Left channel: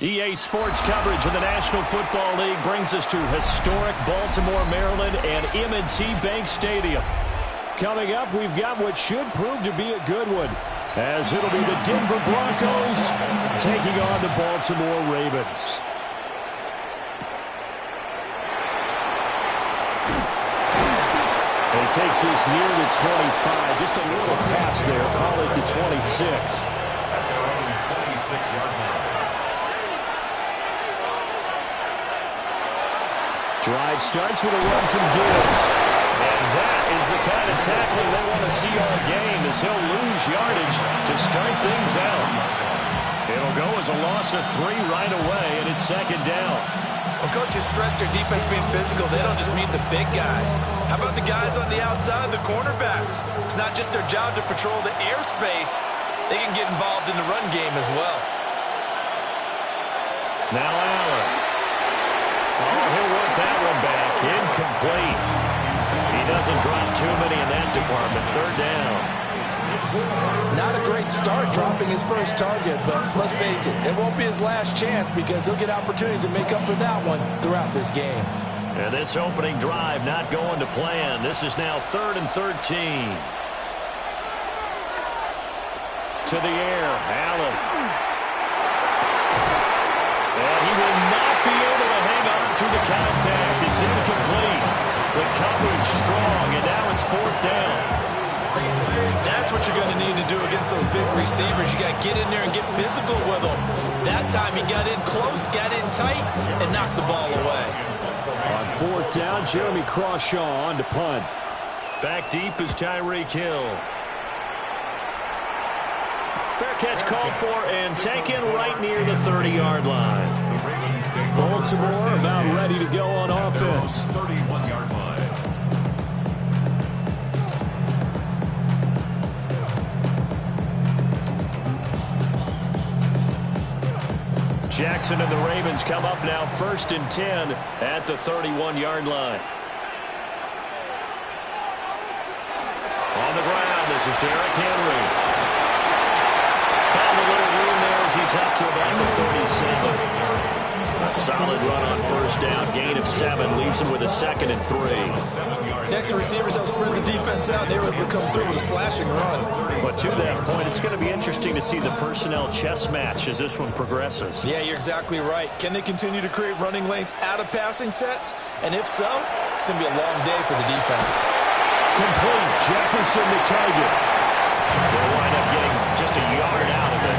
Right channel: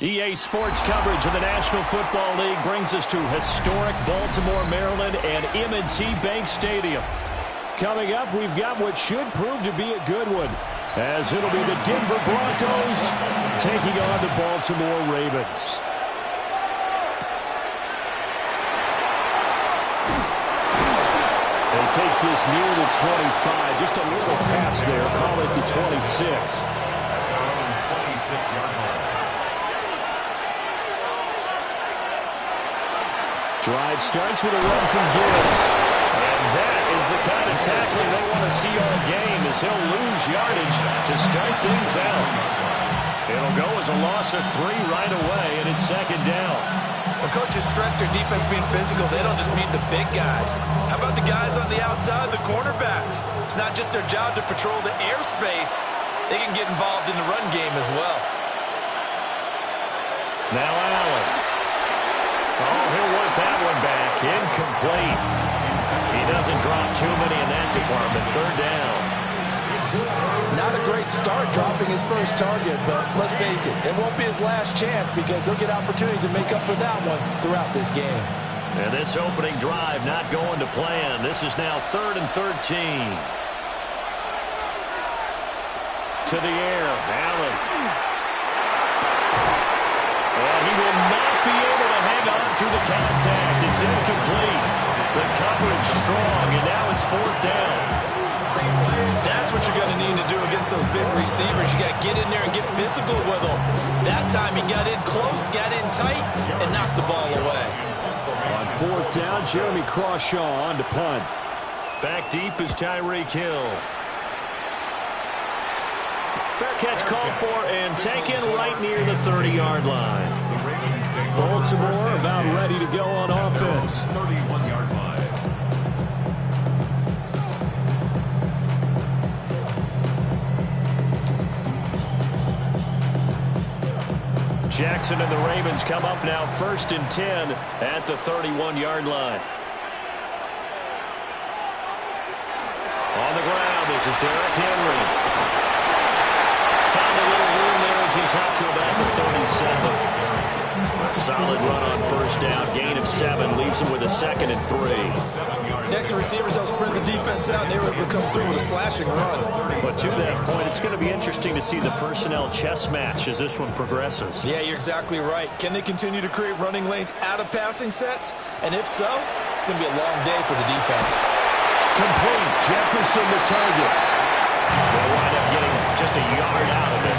EA Sports coverage of the National Football League brings us to historic Baltimore, Maryland and M&T Bank Stadium. Coming up, we've got what should prove to be a good one, as it'll be the Denver Broncos taking on the Baltimore Ravens. And he takes this near the 25. Just a little pass there. Call it the 26. At their own 26-yard line. Drive starts with a run from Gibbs. And that is the kind of tackling they want to see all game, as he'll lose yardage to start things out. It'll go as a loss of 3 right away, and it's second down. When coaches stress their defense being physical, they don't just mean the big guys. How about the guys on the outside, the cornerbacks? It's not just their job to patrol the airspace. They can get involved in the run game as well. Now Allen. Oh, he'll want that one back. Incomplete. He doesn't drop too many in that department. Third down. Not a great start dropping his first target, but let's face it, it won't be his last chance because he'll get opportunities to make up for that one throughout this game. And this opening drive not going to plan. This is now 3rd and 13. To the air, Allen. And he will not be able to hang on through the contact. It's incomplete. The coverage strong, and now it's 4th down. That's what you're going to need to do against those big receivers. You got to get in there and get physical with them. That time he got in close, got in tight, and knocked the ball away. On 4th down, Jeremy Crawshaw on to punt. Back deep is Tyreek Hill. Fair catch called for and taken right near the 30-yard line. Baltimore about ready to go on offense. 31-yard line. Jackson and the Ravens come up now 1st and 10 at the 31-yard line. On the ground, this is Derrick Henry. Found a little room there as he's up to about the 37. A solid run on 1st down. Gain of 7 leaves him with a 2nd and 3. Next receivers help spread the defense out. They were able to come through with a slashing run. But to that point, it's going to be interesting to see the personnel chess match as this one progresses. Yeah, you're exactly right. Can they continue to create running lanes out of passing sets? And if so, it's going to be a long day for the defense. Complete. Jefferson the target. They'll wind up getting just a yard out of it.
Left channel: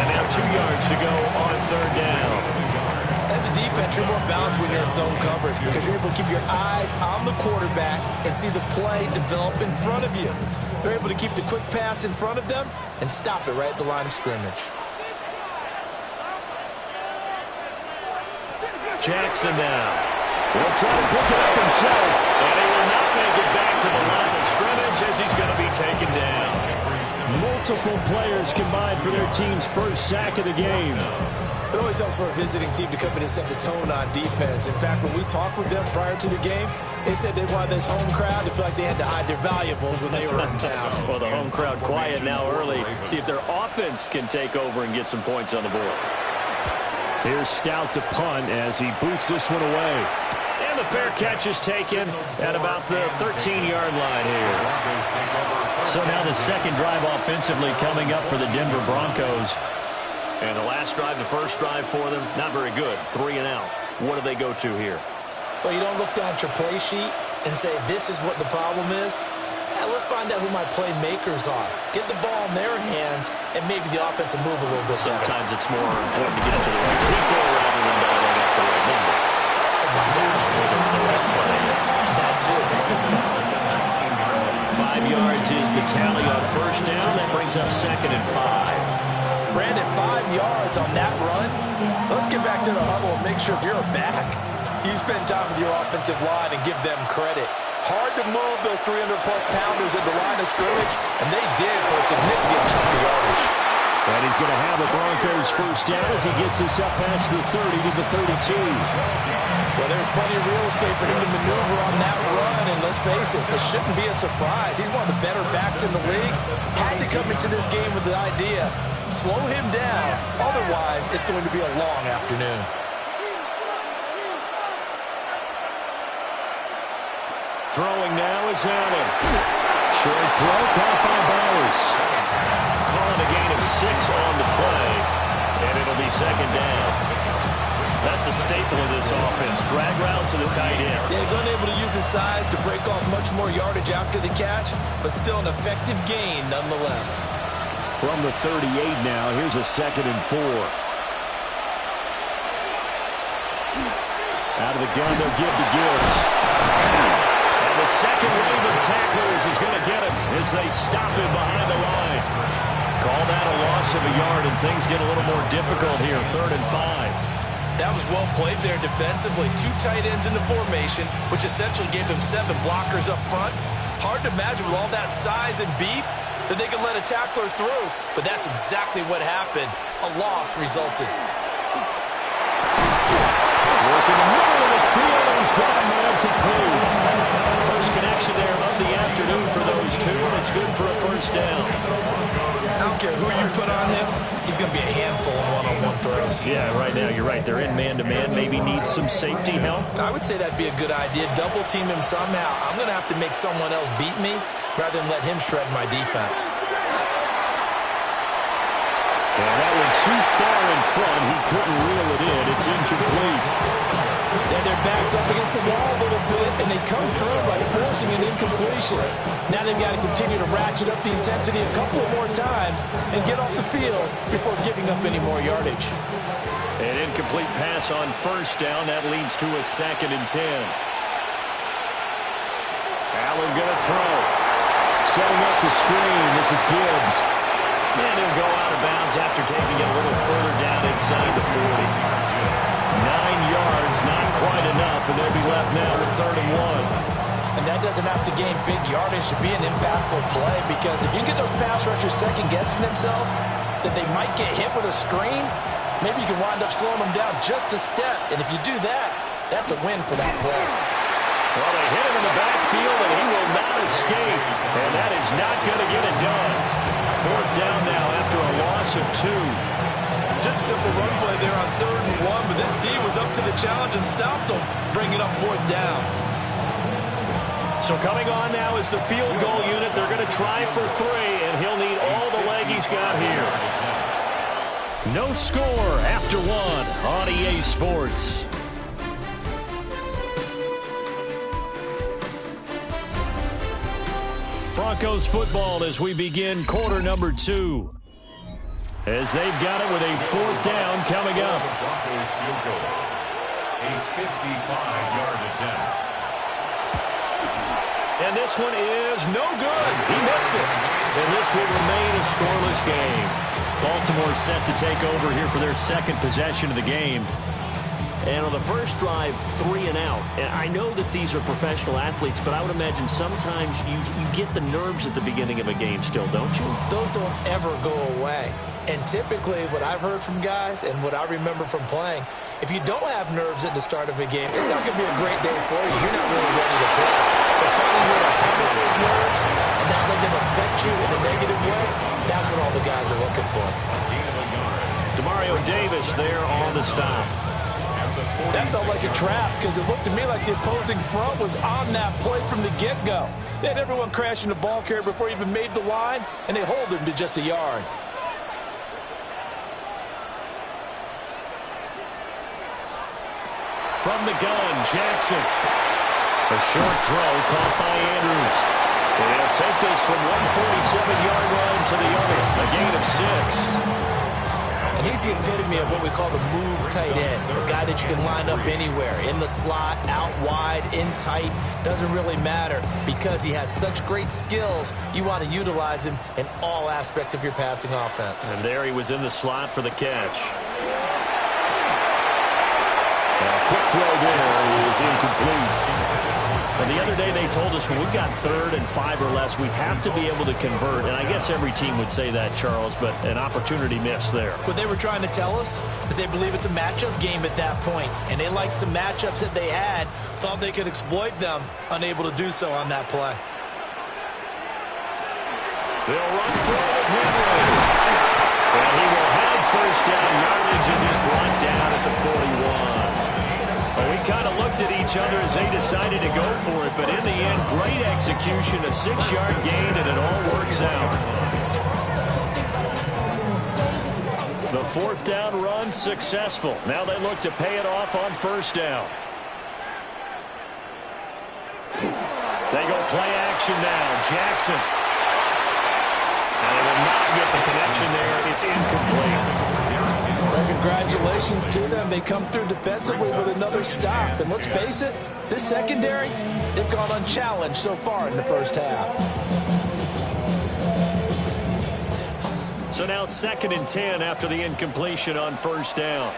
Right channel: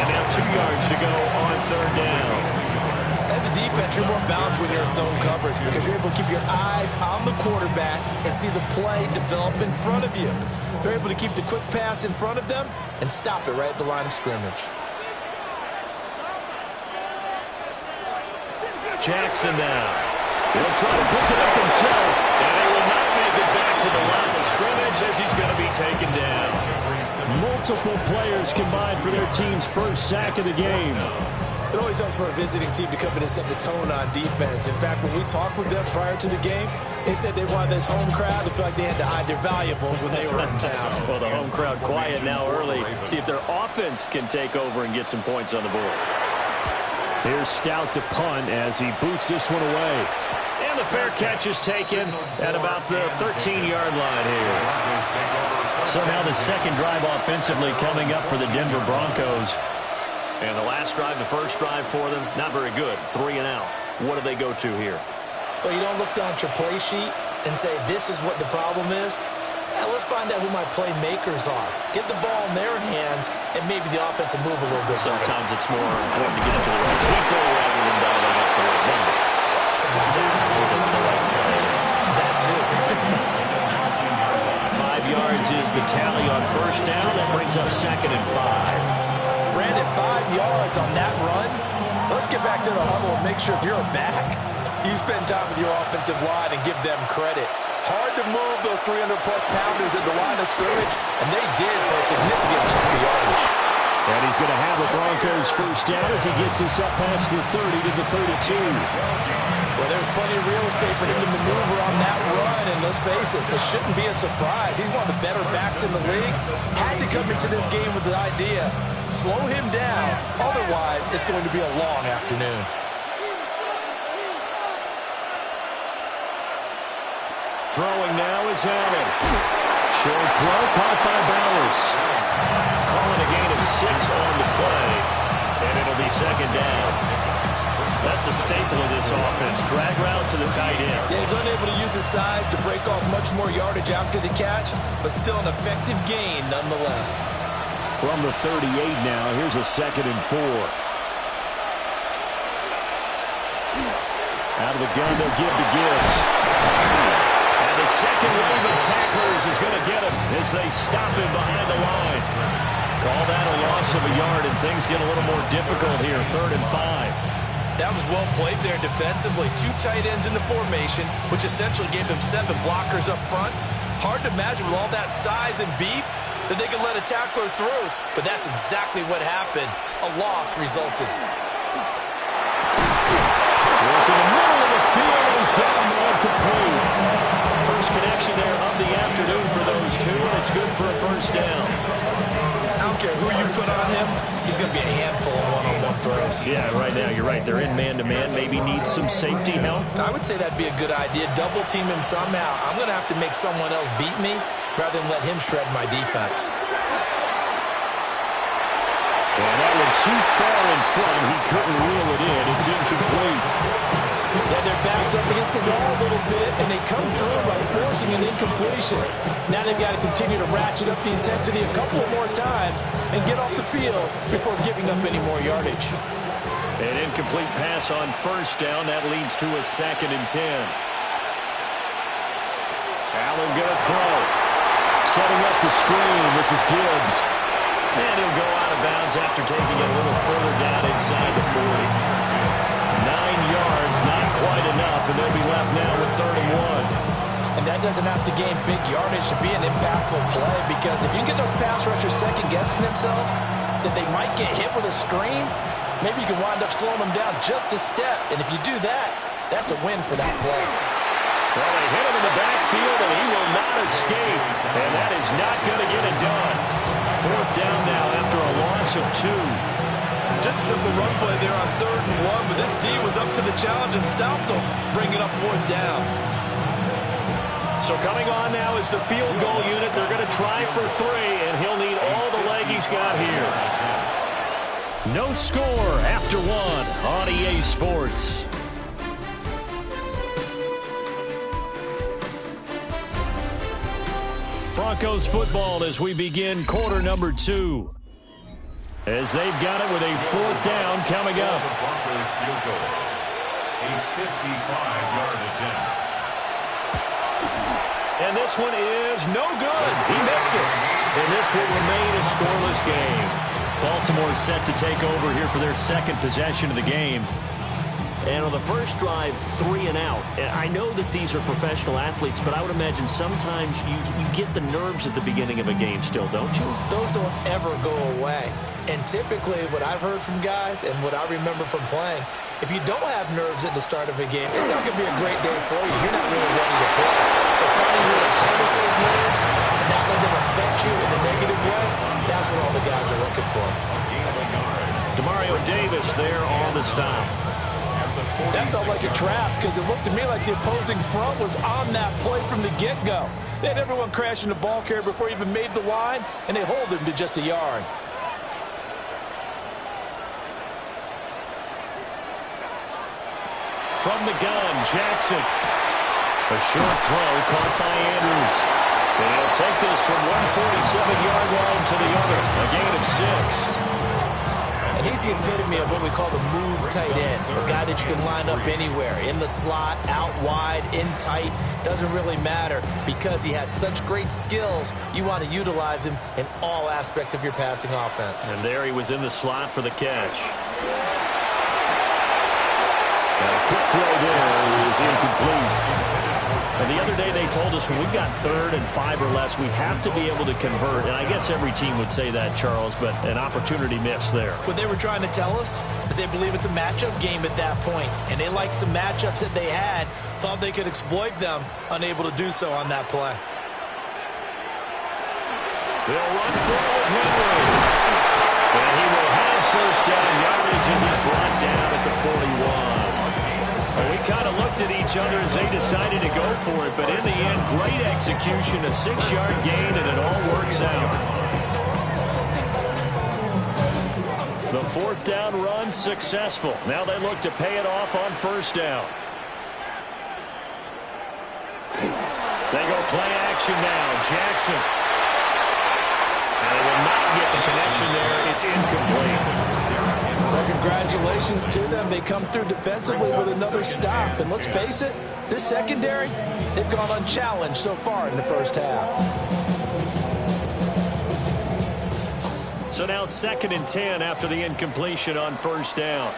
And now 2 yards to go on 3rd down. As a defense, you're more balanced when you're in zone coverage because you're able to keep your eyes on the quarterback and see the play develop in front of you. They're able to keep the quick pass in front of them and stop it right at the line of scrimmage. Jackson now. He'll try to pick it up himself, and he will not make it back to the line of scrimmage as he's going to be taken down. Multiple players combined for their team's first sack of the game. It always helps for a visiting team to come in and set the tone on defense. In fact, when we talked with them prior to the game, they said they wanted this home crowd to feel like they had to hide their valuables when they were in town. Well, the home crowd quiet now early. See if their offense can take over and get some points on the board. Here's Stout to punt as he boots this one away. And the fair catch is taken at about the 13-yard line here. So now the second drive offensively coming up for the Denver Broncos. And the last drive, the first drive for them, not very good. 3 and out. What do they go to here? Well, you don't look down at your play sheet and say, this is what the problem is. Let's find out who my playmakers are. Get the ball in their hands, and maybe the offense will move a little bit better. Sometimes it's more important to get it to the right people rather than dialing up the right number. Exactly. The right play. That too. 5 yards is the tally on 1st down. That brings up 2nd and 5. Brandon, 5 yards on that run. Let's get back to the huddle and make sure if you're a back, you spend time with your offensive line and give them credit. Hard to move those 300-plus pounders at the line of scrimmage, and they did for a significant chunk of yardage. And he's going to have a Broncos first down as he gets us up past the 30 to the 32. Well, there's plenty of real estate for him to maneuver on that run, and let's face it, this shouldn't be a surprise. He's one of the better backs in the league. Had to come into this game with the idea, slow him down, otherwise it's going to be a long afternoon. Throwing now is Allen. Short throw caught by Bowers. Calling a gain of 6 on the play, and it'll be second down. That's a staple of this offense. Drag route to the tight end. Yeah, he's unable to use his size to break off much more yardage after the catch, but still an effective gain nonetheless. From the 38 now, here's a 2nd and 4. Out of the gun, they'll give to Gibbs. And the second wave of tacklers is going to get him as they stop him behind the line. Call that a loss of a yard, and things get a little more difficult here, 3rd and 5. That was well played there defensively. 2 tight ends in the formation, which essentially gave them 7 blockers up front. Hard to imagine with all that size and beef that they could let a tackler through, but that's exactly what happened. A loss resulted. Working the middle of the field, and he's got a man complete. First connection there of the afternoon for those two, and it's good for a first down. I don't care who you put on him, he's going to be a handful of one-on-one throws. Yeah, right now, you're right. They're in man-to-man. Maybe needs some safety help. I would say that'd be a good idea. Double team him somehow. I'm going to have to make someone else beat me rather than let him shred my defense. And that went too far in front. He couldn't reel it in. It's incomplete. Yeah, their backs up against the wall a little bit, and they come through by forcing an incompletion. Now they've got to continue to ratchet up the intensity a couple of more times and get off the field before giving up any more yardage. An incomplete pass on first down. That leads to a 2nd and 10. Allen going to throw. Setting up the screen. This is Gibbs. And he'll go out of bounds after taking it a little further down inside the 40. 9 yards, not quite enough, and they'll be left now with 3rd and 1. And that doesn't have to gain big yardage to be an impactful play, because if you get those pass rushers second-guessing themselves that they might get hit with a screen, maybe you can wind up slowing them down just a step. And if you do that, that's a win for that play. Well, they hit him in the backfield, and he will not escape. And that is not going to get it done. 4th down now after a loss of 2. Just a simple run play there on 3rd and 1, but this D was up to the challenge and stopped them, bringing up 4th down. So coming on now is the field goal unit. They're going to try for 3, and he'll need all the leg he's got here. No score after 1 on EA Sports. Broncos football as we begin quarter number 2. As they've got it with a 4th down coming up. Broncos field goal. A 55-yard attempt. And this one is no good. He missed it. And this will remain a scoreless game. Baltimore set to take over here for their 2nd possession of the game. And on the first drive, 3 and out. And I know that these are professional athletes, but I would imagine sometimes you get the nerves at the beginning of a game still, don't you? Those don't ever go away. And typically what I've heard from guys and what I remember from playing, if you don't have nerves at the start of a game, it's not going to be a great day for you. You're not really ready to play. So finding a way to harness those nerves and not let them affect you in a negative way, that's what all the guys are looking for. Demario Davis there on the stop. That felt like a trap because it looked to me like the opposing front was on that play from the get-go. They had everyone crashing the ball carrier before he even made the line, and they hold him to just a yard. From the gun, Jackson. A short throw caught by Andrews. And he'll take this from 147-yard line to the other. A gain of 6. And he's the epitome of what we call the move tight end, a guy that you can line up anywhere, in the slot, out wide, in tight, doesn't really matter because he has such great skills. You want to utilize him in all aspects of your passing offense. And there he was in the slot for the catch. Now a quick throw there is incomplete. Now, the other day they told us when we've got 3rd and 5 or less, we have to be able to convert. And I guess every team would say that, Charles, but an opportunity missed there. What they were trying to tell us is they believe it's a matchup game at that point. And they liked some matchups that they had, thought they could exploit them, unable to do so on that play. They'll run through with Henry. And he will have first down yardage as he's brought down at the 41. Well, we kind of looked at each other as they decided to go for it, but in the end, great execution, a 6-yard gain, and it all works out. The 4th down run successful. Now they look to pay it off on 1st down. They go play action now. Jackson. And they will not get the connection there. It's incomplete. Well, congratulations to them. They come through defensively with another stop. And let's face it, this secondary, they've gone unchallenged so far in the first half. So now 2nd and 10 after the incompletion on 1st down.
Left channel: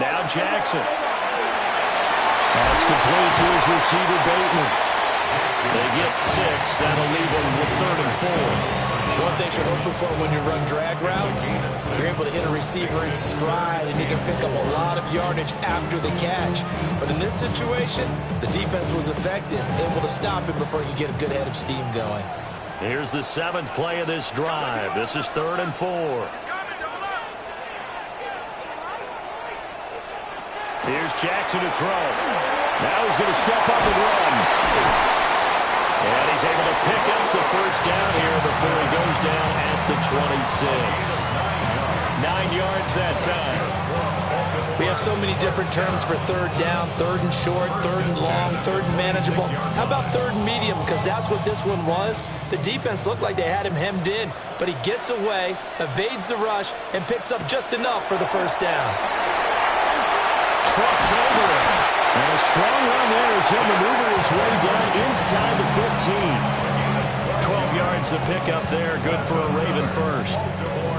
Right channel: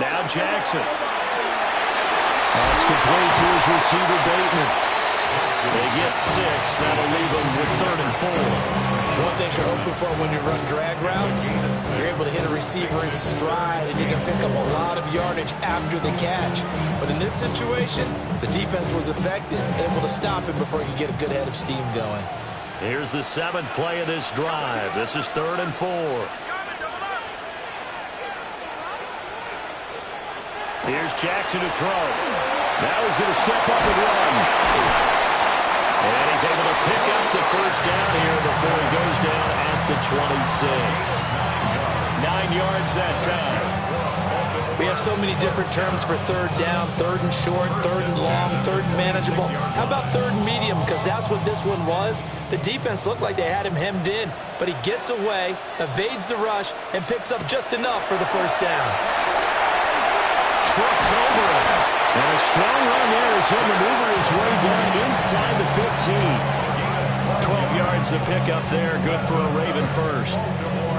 Now Jackson. That's complete to his receiver, Bateman. They get 6. That'll leave them with 3rd and 4. One thing you're hoping for when you run drag routes, you're able to hit a receiver in stride, and you can pick up a lot of yardage after the catch. But in this situation, the defense was effective, able to stop him before he could get a good head of steam going. Here's the 7th play of this drive. This is 3rd and 4. Here's Jackson to throw. Now he's going to step up and run. And he's able to pick up the first down here before he goes down at the 26. 9 yards that time. We have so many different terms for 3rd down, 3rd and short, 3rd and long, 3rd and manageable. How about 3rd and medium? Because that's what this one was. The defense looked like they had him hemmed in, but he gets away, evades the rush, and picks up just enough for the first down. Trucks over it. And a strong run there as he'll maneuver his way down inside the 15. 12 yards to pick up there. Good for a Raven first.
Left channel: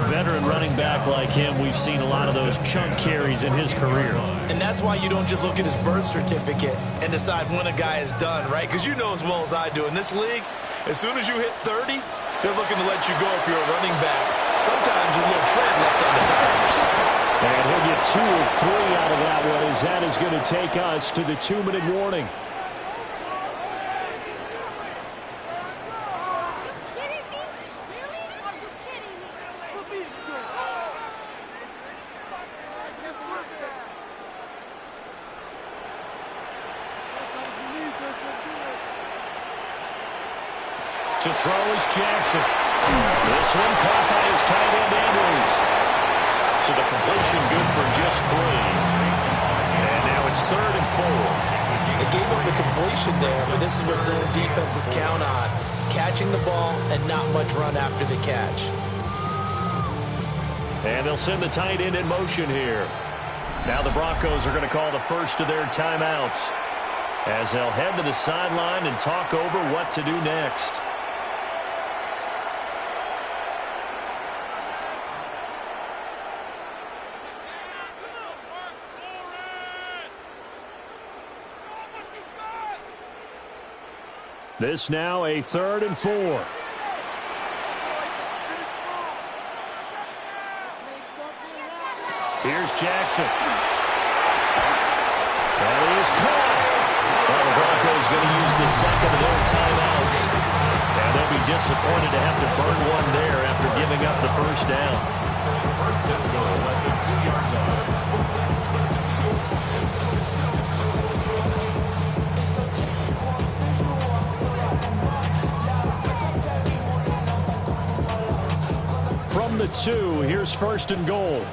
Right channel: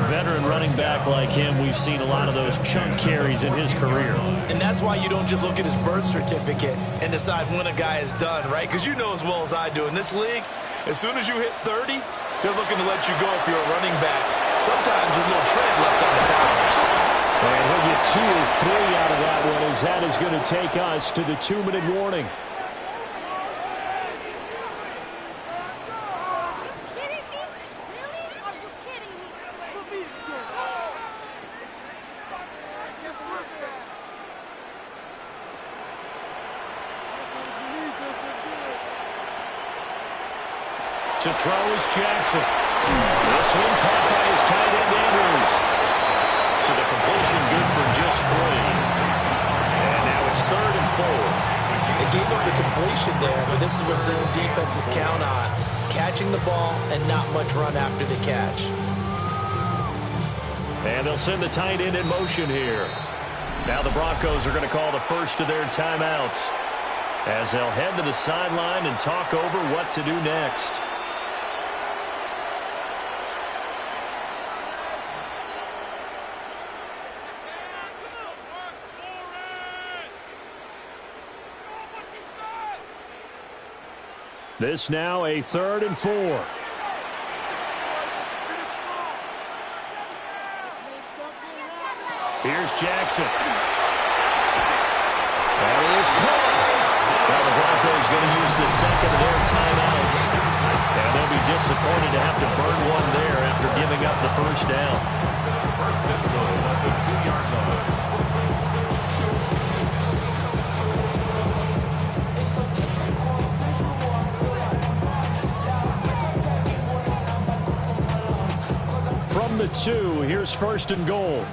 Veteran running back like him, we've seen a lot of those chunk carries in his career. And that's why you don't just look at his birth certificate and decide when a guy is done, right? Because you know as well as I do, in this league, as soon as you hit 30, they're looking to let you go if you're a running back. Sometimes with a little tread left on the tires. And he'll get 2 or 3 out of that one as that is going to take us to the 2-minute warning. To throw is Jackson. This one caught by his tight end, Andrews. So the completion good for just 3. And now it's 3rd and 4. They gave up the completion there, but this is what zone defenses count on. Catching the ball and not much run after the catch. And they'll send the tight end in motion here. Now the Broncos are going to call the first of their timeouts as they'll head to the sideline and talk over what to do next. This now a 3rd and 4. Here's Jackson. That is caught. Now the Broncos going to use the 2nd of their timeouts. And they'll be disappointed to have to burn one there after giving up the first down. 1st and goal at the 2-yard line. From the 2, here's 1st and goal.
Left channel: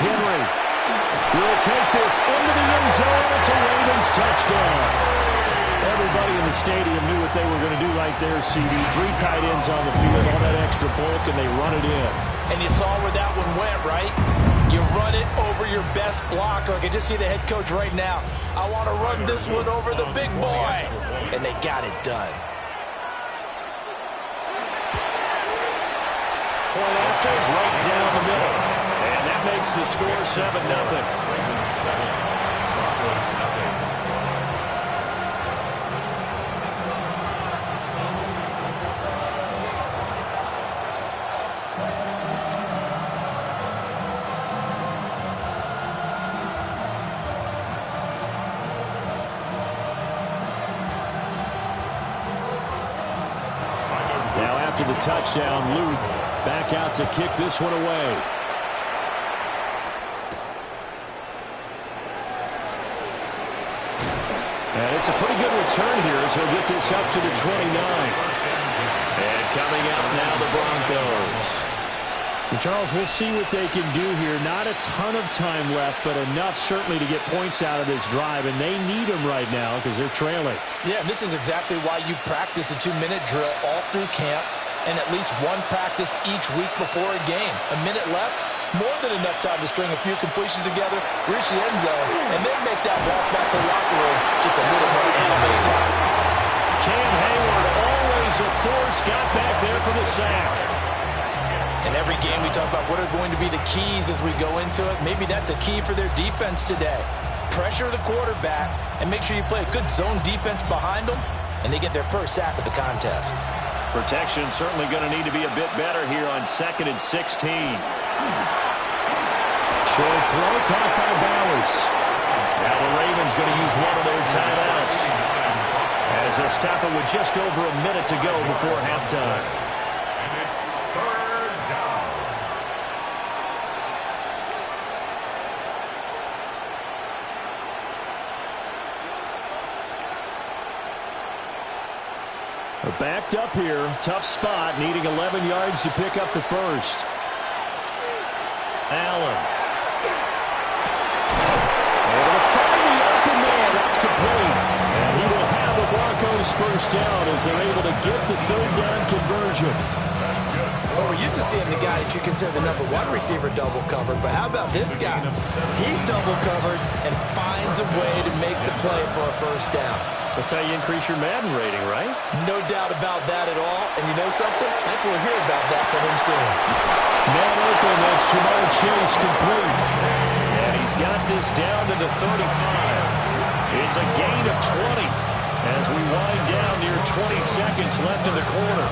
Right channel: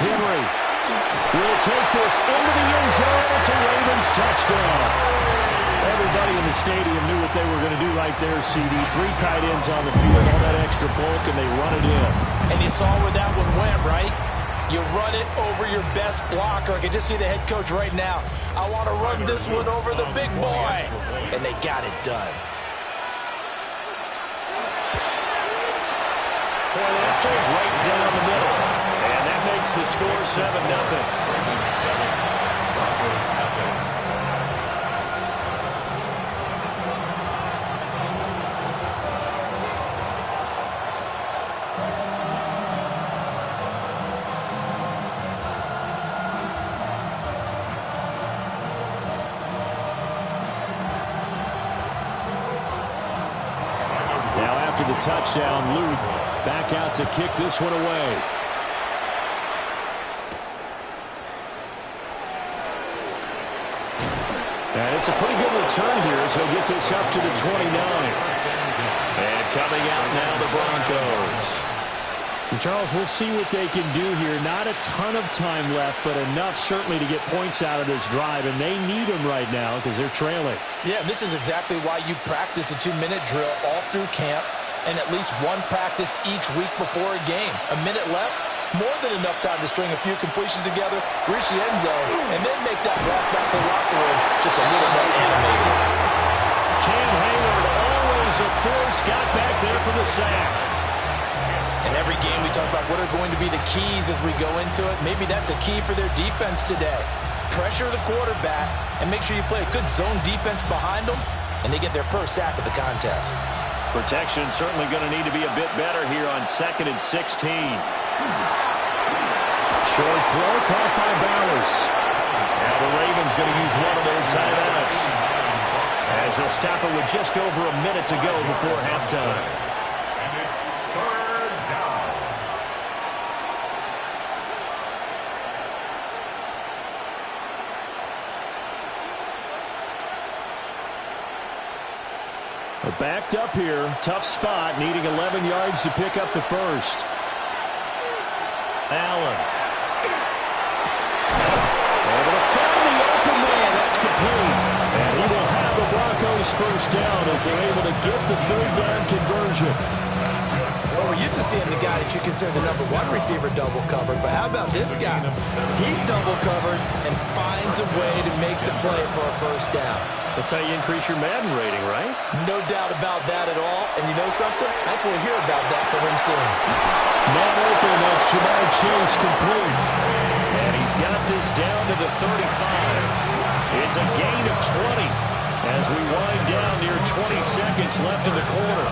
Henry will take this into the end zone. It's a Ravens touchdown. Everybody in the stadium knew what they were going to do right there, CD. 3 tight ends on the field, all that extra bulk, and they run it in. And you saw where that one went, right? You run it over your best blocker. I can just see the head coach right now. I want to run this one over the big boy. And they got it done. Point after, right down the middle. And that makes the score 7-0. Ravens 7, Broncos nothing. Now after the touchdown, Luke back out to kick this one away. And it's a pretty good return here as he'll get this up to the 29. And coming out now, the Broncos. And Charles, we'll see what they can do here. Not a ton of time left, but enough certainly to get points out of this drive, and they need them right now because they're trailing. Yeah, this is exactly why you practice a 2-minute drill all through camp and at least one practice each week before a game. A minute left, more than enough time to string a few completions together, reach the end zone, and then make that walk back to the locker room just a little more animated. Cam Hayward, always a force, got back there for the sack. In every game we talk about what are going to be the keys as we go into it. Maybe that's a key for their defense today. Pressure the quarterback and make sure you play a good zone defense behind them, and they get their first sack of the contest. Protection certainly going to need to be a bit better here on 2nd and 16. Short throw caught by Bowers. Now the Ravens going to use one of their timeouts as they'll stop it with just over a minute to go before halftime. And it's 3rd down. They're backed up here. Tough spot, needing 11 yards to pick up the first. Allen. Able to find the open man. That's complete. And he will have the Broncos first down as they're able to get the 3rd down conversion. That's good. Well, we're used to seeing the guy that you consider the number 1 receiver double covered, but how about this guy? He's double covered and finds a way to make the play for a first down. That's how you increase your Madden rating, right? No doubt about that at all. And you know something? I think we'll hear about that from him soon. Man open, that's Jamar Chase complete. And he's got this down to the 35. It's a gain of 20 as we wind down near 20 seconds left in the quarter.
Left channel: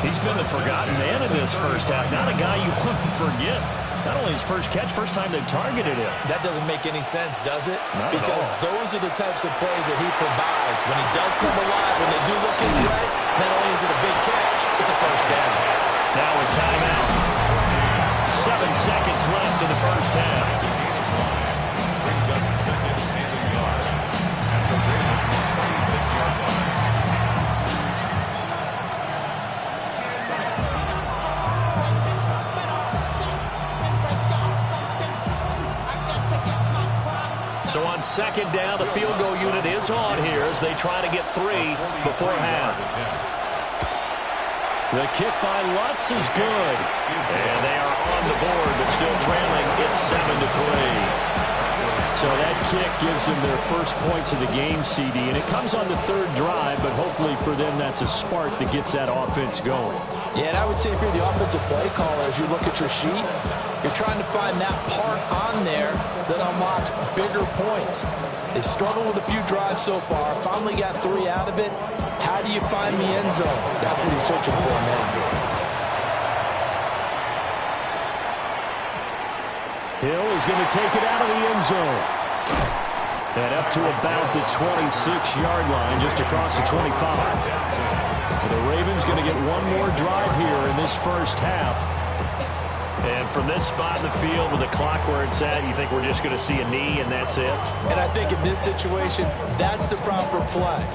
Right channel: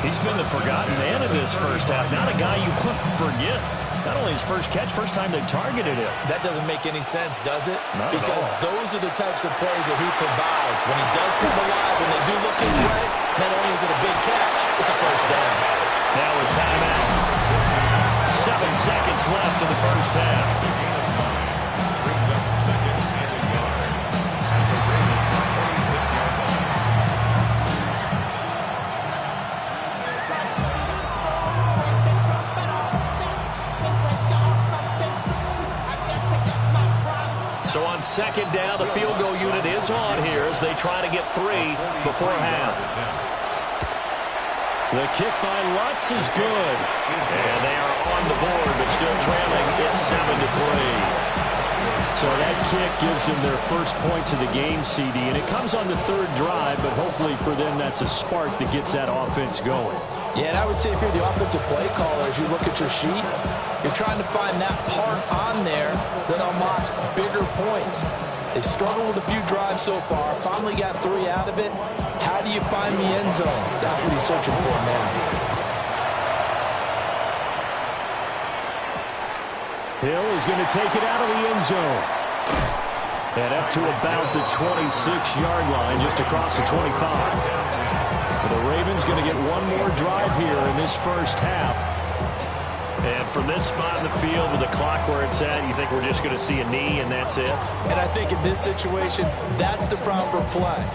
He's been the forgotten man in this first half. Not a guy you want to forget. Not only his first catch, first time they've targeted him. That doesn't make any sense, does it? Not because at all. Those are the types of plays that he provides. When he does come alive, when they do look his way, not only is it a big catch, it's a first down. Now a timeout. 7 seconds left in the first half. It's a gain of 9. Brings up 2nd and a yard at the Ravens' 26-yard line. So on 2nd down, the field goal unit is on here as they try to get 3 before half. The kick by Lutz is good. And they are on the board, but still trailing. It's 7-3. So that kick gives them their first points of the game, CD. And it comes on the 3rd drive, but hopefully for them that's a spark that gets that offense going. Yeah, and I would say if you're the offensive play caller, as you look at your sheet, you're trying to find that part on there that unlocks bigger points. They've struggled with a few drives so far. Finally got 3 out of it. How do you find the end zone? That's what he's searching for now. Hill is going to take it out of the end zone. And up to about the 26-yard line, just across the 25. The Ravens going to get one more drive here in this first half. And from this spot in the field with the clock where it's at, you think we're just going to see a knee and that's it? And I think in this situation, that's the proper play.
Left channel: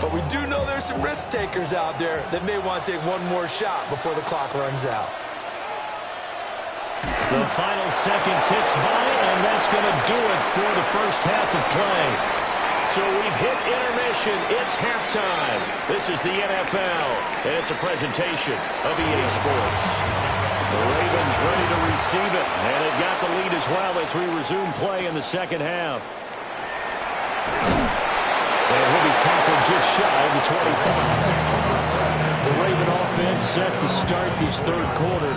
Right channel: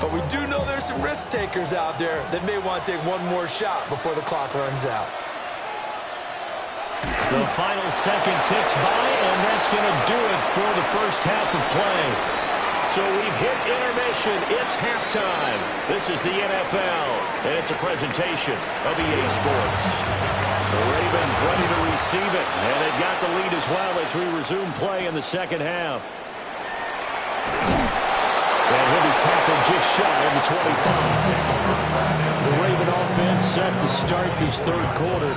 But we do know there's some risk takers out there that may want to take one more shot before the clock runs out. The final second ticks by, and that's going to do it for the first half of play. So we've hit intermission. It's halftime. This is the NFL, and it's a presentation of EA Sports. The Ravens ready to receive it, and they've got the lead as well as we resume play in the second half. And he'll be tackled just shy of the 25. The Raven offense set to start this third quarter.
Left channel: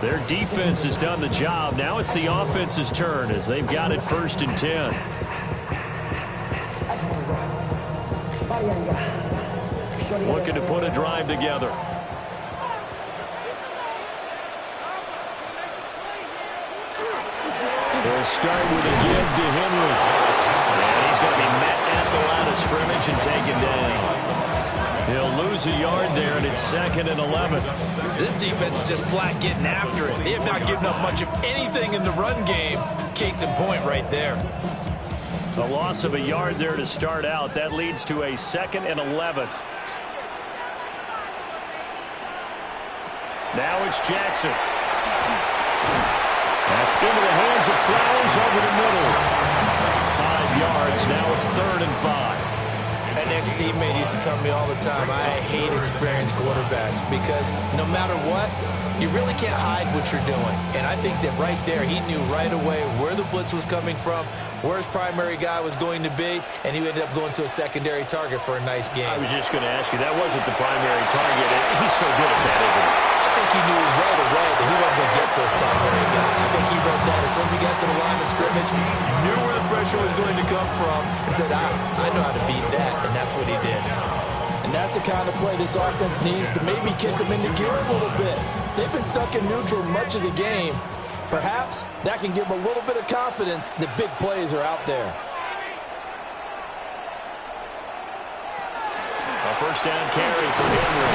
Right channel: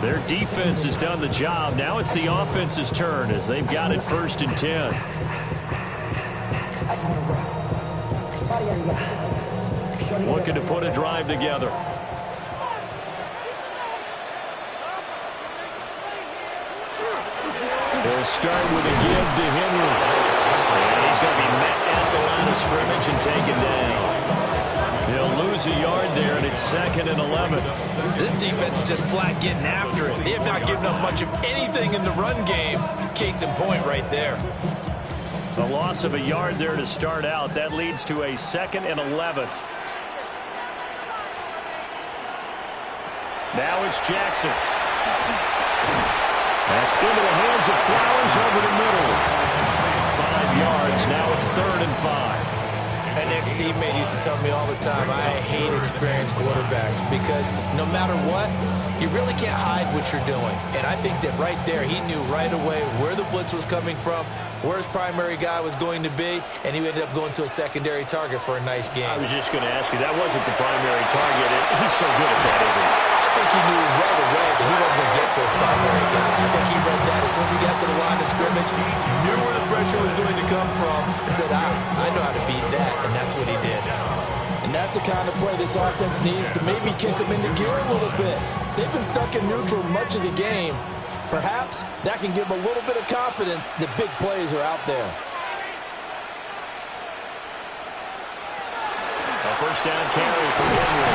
Their defense has done the job. Now it's the offense's turn as they've got it 1st and 10. Looking to put a drive together. He'll start with a give to Henry. And he's going to be met at the line of scrimmage and taken down. He'll lose a yard there, and it's 2nd and 11. This defense is just flat getting after it. They have not given up much of anything in the run game. Case in point right there. A loss of a yard there to start out. That leads to a 2nd and 11. Now it's Jackson. That's into the hands of Flowers over the middle. 5 yards. Now it's 3rd and 5. An ex-teammate used to tell me all the time, I hate experienced quarterbacks because no matter what, you really can't hide what you're doing. And I think that right there, he knew right away where the blitz was coming from, where his primary guy was going to be, and he ended up going to a secondary target for a nice game. I was just going to ask you, that wasn't the primary target. He's so good at that, isn't he? I think he knew right away that he wasn't going to get to his primary guy. I think he read that as soon as he got to the line of scrimmage, he knew where the pressure was going to come from and said, I know how to beat that, and that's what he did. And that's the kind of play this offense needs to maybe kick them into gear a little bit. They've been stuck in neutral much of the game. Perhaps that can give them a little bit of confidence that big plays are out there. A first down carry for Henry.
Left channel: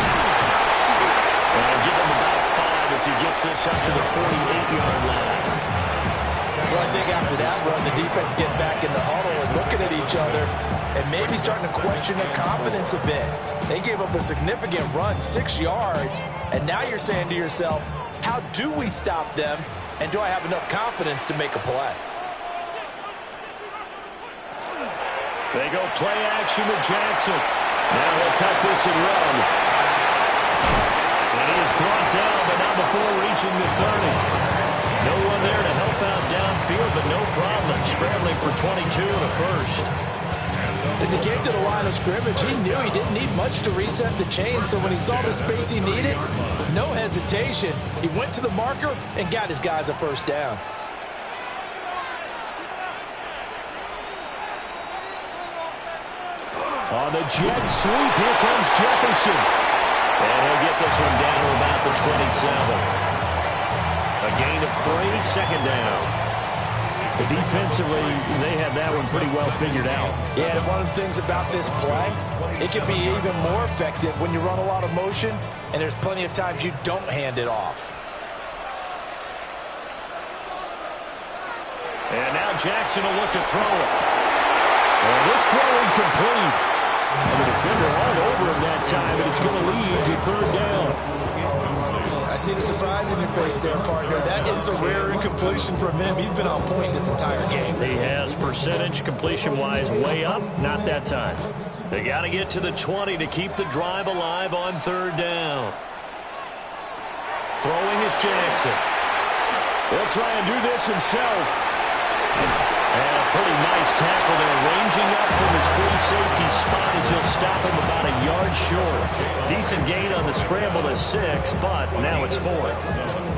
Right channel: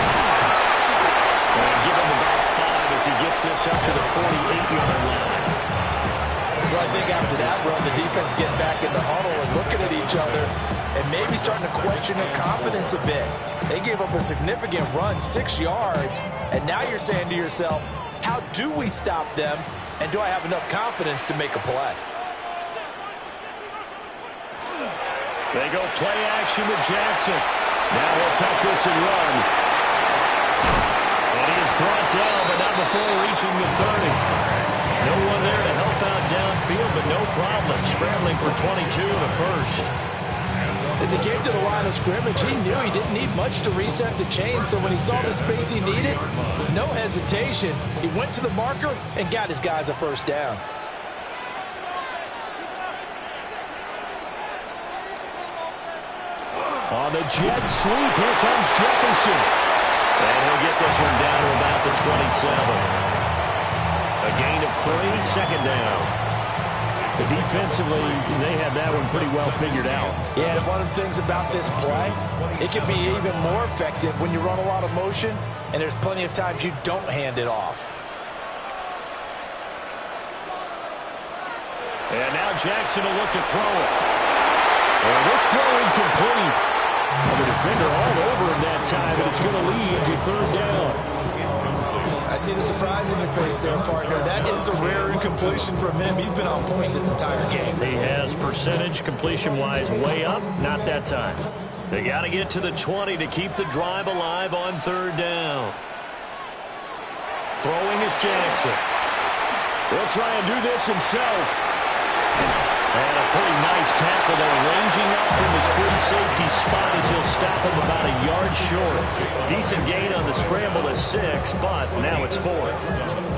And give him about 5 as he gets this up to the 48-yard line. Well, I think after that run, the defense is getting back in the huddle and looking at each other and maybe starting to question their confidence a bit. They gave up a significant run, 6 yards, and now you're saying to yourself, how do we stop them, and do I have enough confidence to make a play? They go play action with Jackson. Now he'll tuck this and run. And he is brought down, but not before reaching the 30. No one there to help out downfield, but no problem. Scrambling for 22 and a first. As he came to the line of scrimmage, he knew he didn't need much to reset the chain, so when he saw the space he needed, no hesitation. He went to the marker and got his guys a first down. On the jet sweep, here comes Jefferson. And he'll get this one down to about the 27. A gain of 3, 2nd down. So defensively, they had that one pretty well figured out. Yeah, and one of the things about this play, it can be even more effective when you run a lot of motion, and there's plenty of times you don't hand it off. And now Jackson will look to throw it. And this throw incomplete. And the defender all over him that time, and it's going to lead to 3rd down. I see the surprise in your face there, partner. That is a rare incompletion from him. He's been on point this entire game. He has percentage completion-wise way up, not that time. They got to get to the 20 to keep the drive alive on 3rd down. Throwing is Jackson. He'll try and do this himself. And a pretty nice tackle there, ranging up from his free safety spot as he'll stop him about a yard short. Decent gain on the scramble at 6, but now it's 4th.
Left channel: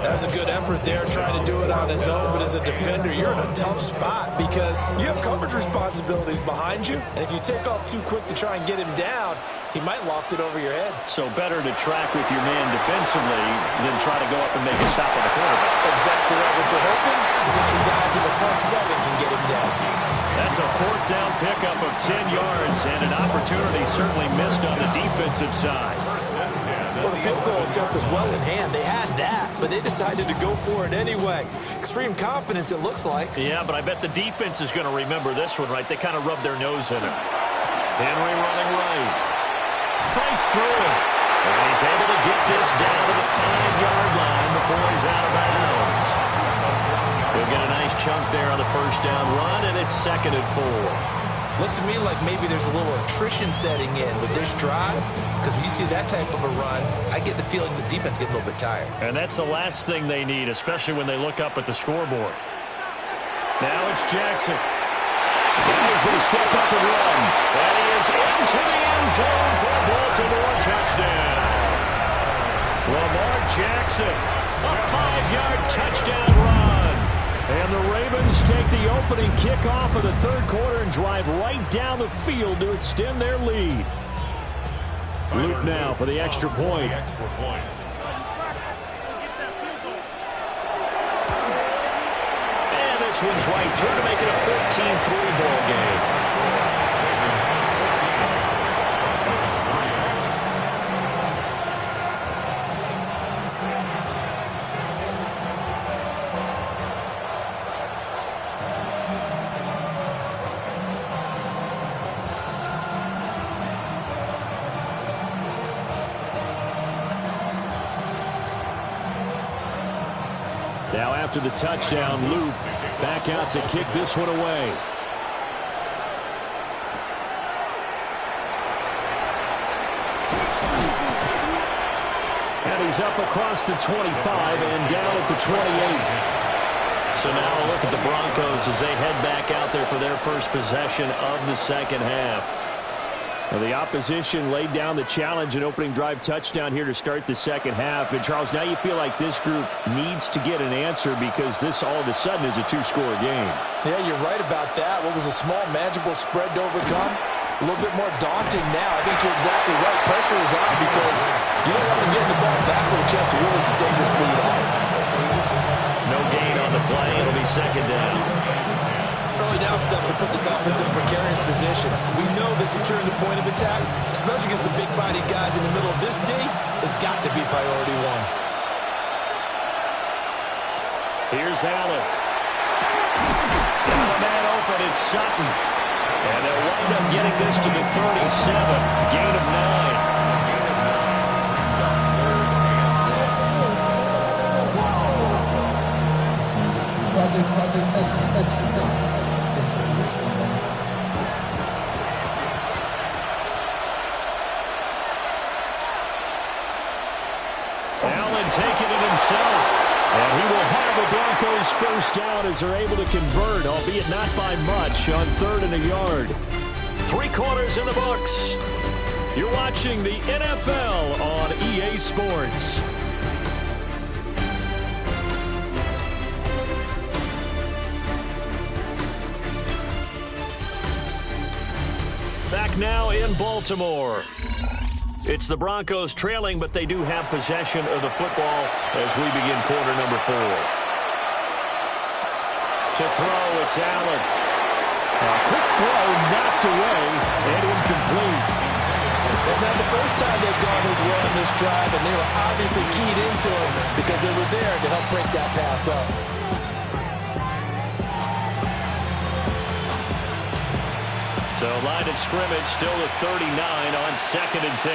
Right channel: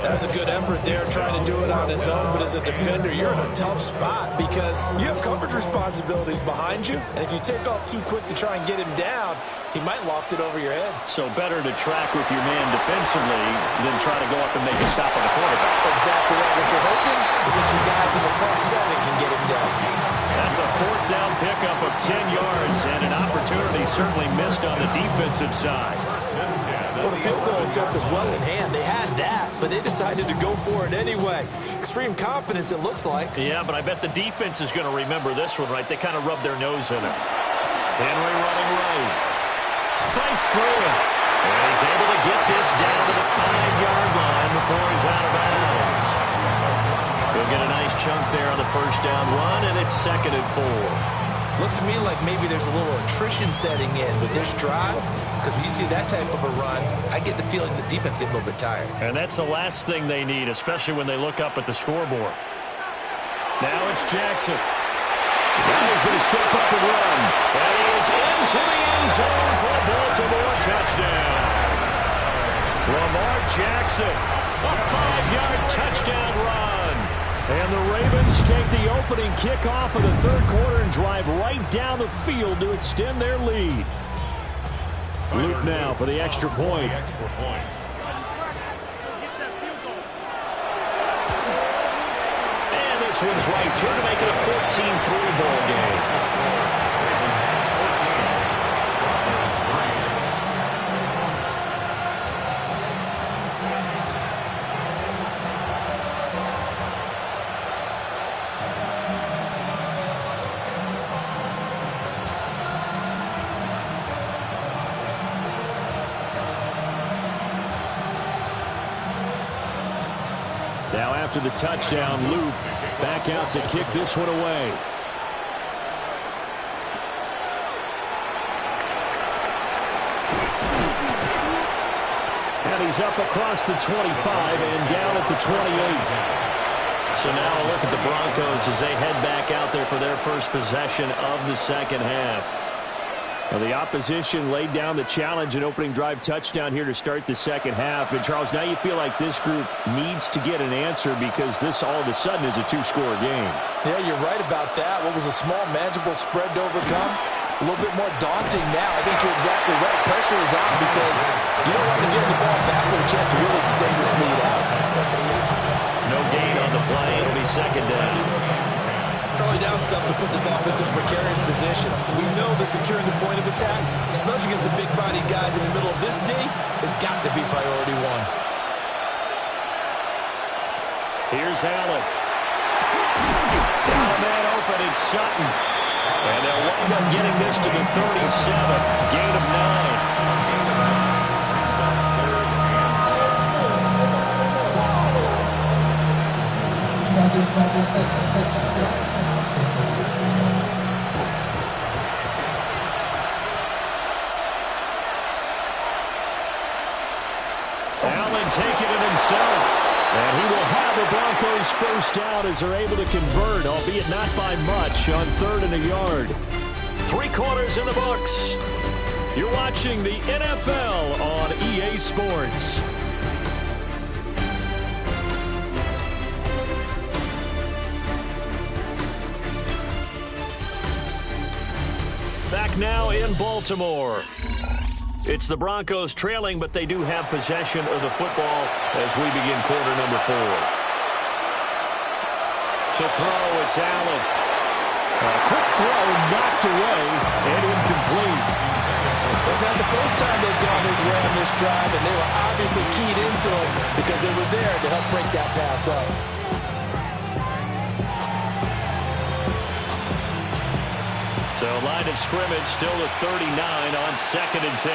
That's a good effort there, trying to do it on his own, but as a defender, you're in a tough spot because you have coverage responsibilities behind you, and if you take off too quick to try and get him down, he might loft it over your head. So better to track with your man defensively than try to go up and make a stop on the quarterback. Exactly right. What you're hoping is that your guys in the front 7 can get him down. That's a 4th down pickup of 10 yards and an opportunity certainly missed on the defensive side. Well, the field goal attempt was well in hand. They had that, but they decided to go for it anyway. Extreme confidence, it looks like. Yeah, but I bet the defense is going to remember this one, right? They kind of rubbed their nose in it. Henry running right. Fights through it. And he's able to get this down to the 5-yard line before he's out of bounds. He'll get a nice chunk there on the first down run, and it's 2nd and 4. Looks to me like maybe there's a little attrition setting in with this drive, because when you see that type of a run, I get the feeling the defense getting a little bit tired. And that's the last thing they need, especially when they look up at the scoreboard. Now it's Jackson. Now he's going to step up and run. And he is into the end zone for a Baltimore touchdown. Lamar Jackson, a 5-yard touchdown run. And the Ravens take the opening kickoff of the third quarter and drive right down the field to extend their lead. Luke now for the extra point. And this one's right through to make it a 14-3 ball game. Now after the touchdown, Luke back out to kick this one away. And he's up across the 25 and down at the 28. So now a look at the Broncos as they head back out there for their first possession of the second half. Well, the opposition laid down the challenge, an opening drive touchdown here to start the second half. And, Charles, now you feel like this group needs to get an answer because this all of a sudden is a two-score game. Yeah, you're right about that. What was a small, manageable spread to overcome? A little bit more daunting now. I think you're exactly right. Pressure is on because you don't want them getting the ball back with a chance to really stay this lead out. No gain on the play. It'll be second down. Early down stuff to put this offense in a precarious position. We know that securing the point of attack, especially against the big-bodied guys in the middle of this D, has got to be priority one. Here's Allen. Down a man open, it's Sutton. And they'll wind up getting this to the 37. Gain of 9. Allen taking it himself. And he will have the Broncos first down as they're able to convert, albeit not by much, on 3rd and a yard. 3 quarters in the books. You're watching the NFL on EA Sports. Back now in Baltimore. It's the Broncos trailing, but they do have possession of the football as we begin quarter number 4. To throw, it's Allen. A quick throw knocked away and incomplete. That's not the first time they've gone his way on this drive, and they were obviously keyed into it because they were there to help break that pass up. So line of scrimmage still to 39 on 2nd and 10.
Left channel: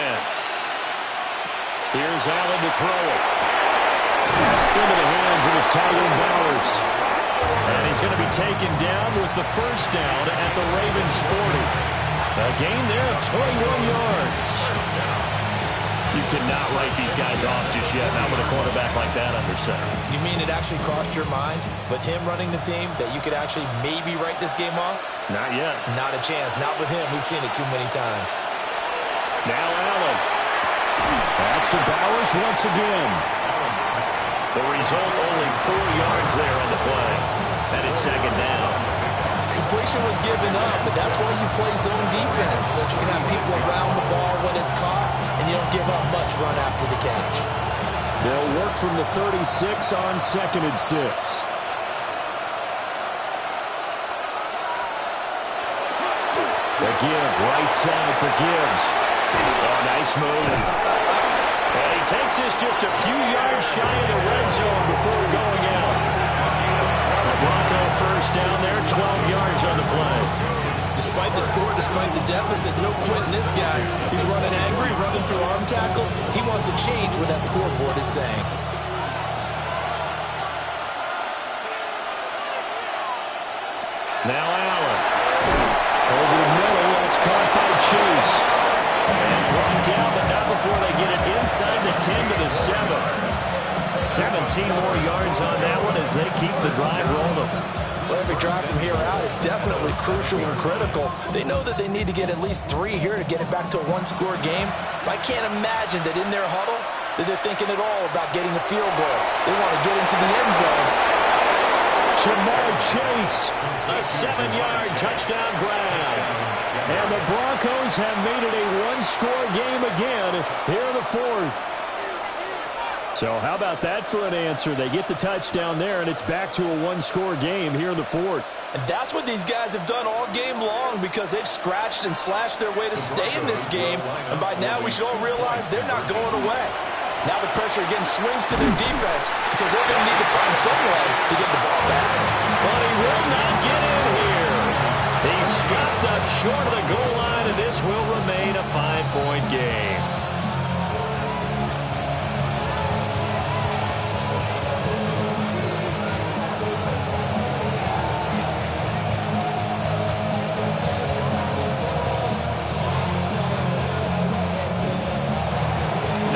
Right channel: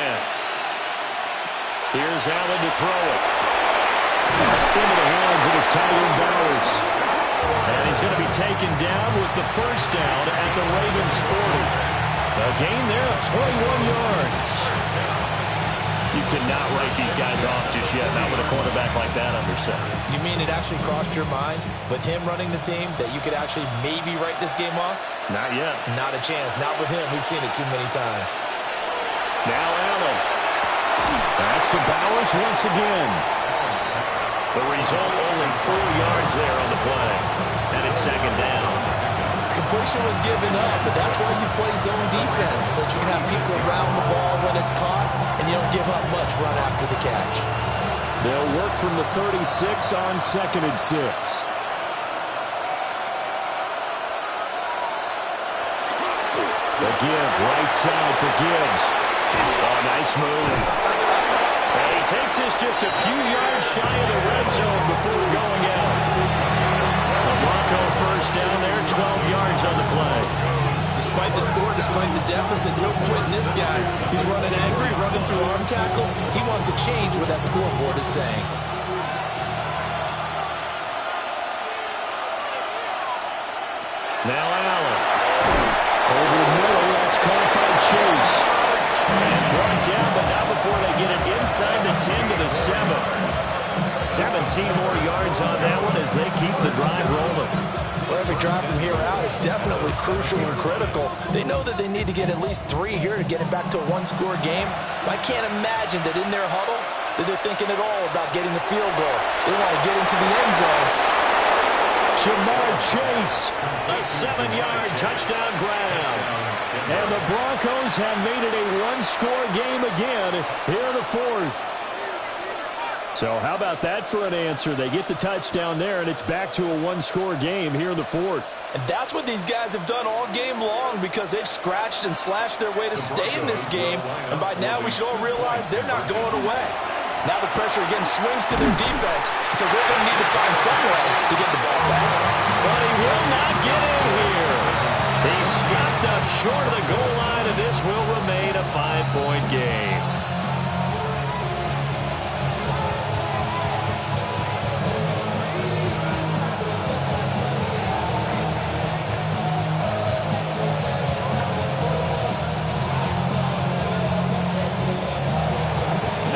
Here's Allen to throw it. That's into the hands of his tight end Bowers. And he's going to be taken down with the first down at the Ravens 40. A gain there of 21 yards. You cannot write these guys off just yet, not with a quarterback like that under center. You mean it actually crossed your mind with him running the team that you could actually maybe write this game off? Not yet. Not a chance. Not with him. We've seen it too many times. Now Allen. That's to Bowers once again. The result, only 4 yards there on the play. And it's second down. Completion was given up, but that's why you play zone defense, so that you can have people around the ball when it's caught, and you don't give up much run after the catch. They'll work from the 36 on 2nd and 6. The give, right side for Gibbs. Oh, nice move. And he takes this just a few yards shy of the red zone before going out. A Bronco first down there, 12 yards on the play. Despite the score, despite the deficit, no quitting this guy. He's running angry, running through arm tackles. He wants to change what that scoreboard is saying. Now Allen. Over the middle, that's caught by Chase. And brought down, but not before they get it inside the 10 to the 7. 17 more yards on that one as they keep the drive rolling. Well, every drive from here out is definitely crucial and critical. They know that they need to get at least 3 here to get it back to a one-score game. But I can't imagine that in their huddle that they're thinking at all about getting a field goal. They want to get into the end zone. Ja'Marr Chase, a 7-yard touchdown grab. And the Broncos have made it a one-score game again here in the fourth. So how about that for an answer? They get the touchdown there, and it's back to a one-score game here in the fourth. And that's what these guys have done all game long because they've scratched and slashed their way to stay in this game. And by now we should all realize they're not going away. Now the pressure again swings to their defense because they're going to need to find some way to get the ball back. But he will not get in here. He's stopped up short of the goal line, and this will remain a 5-point game.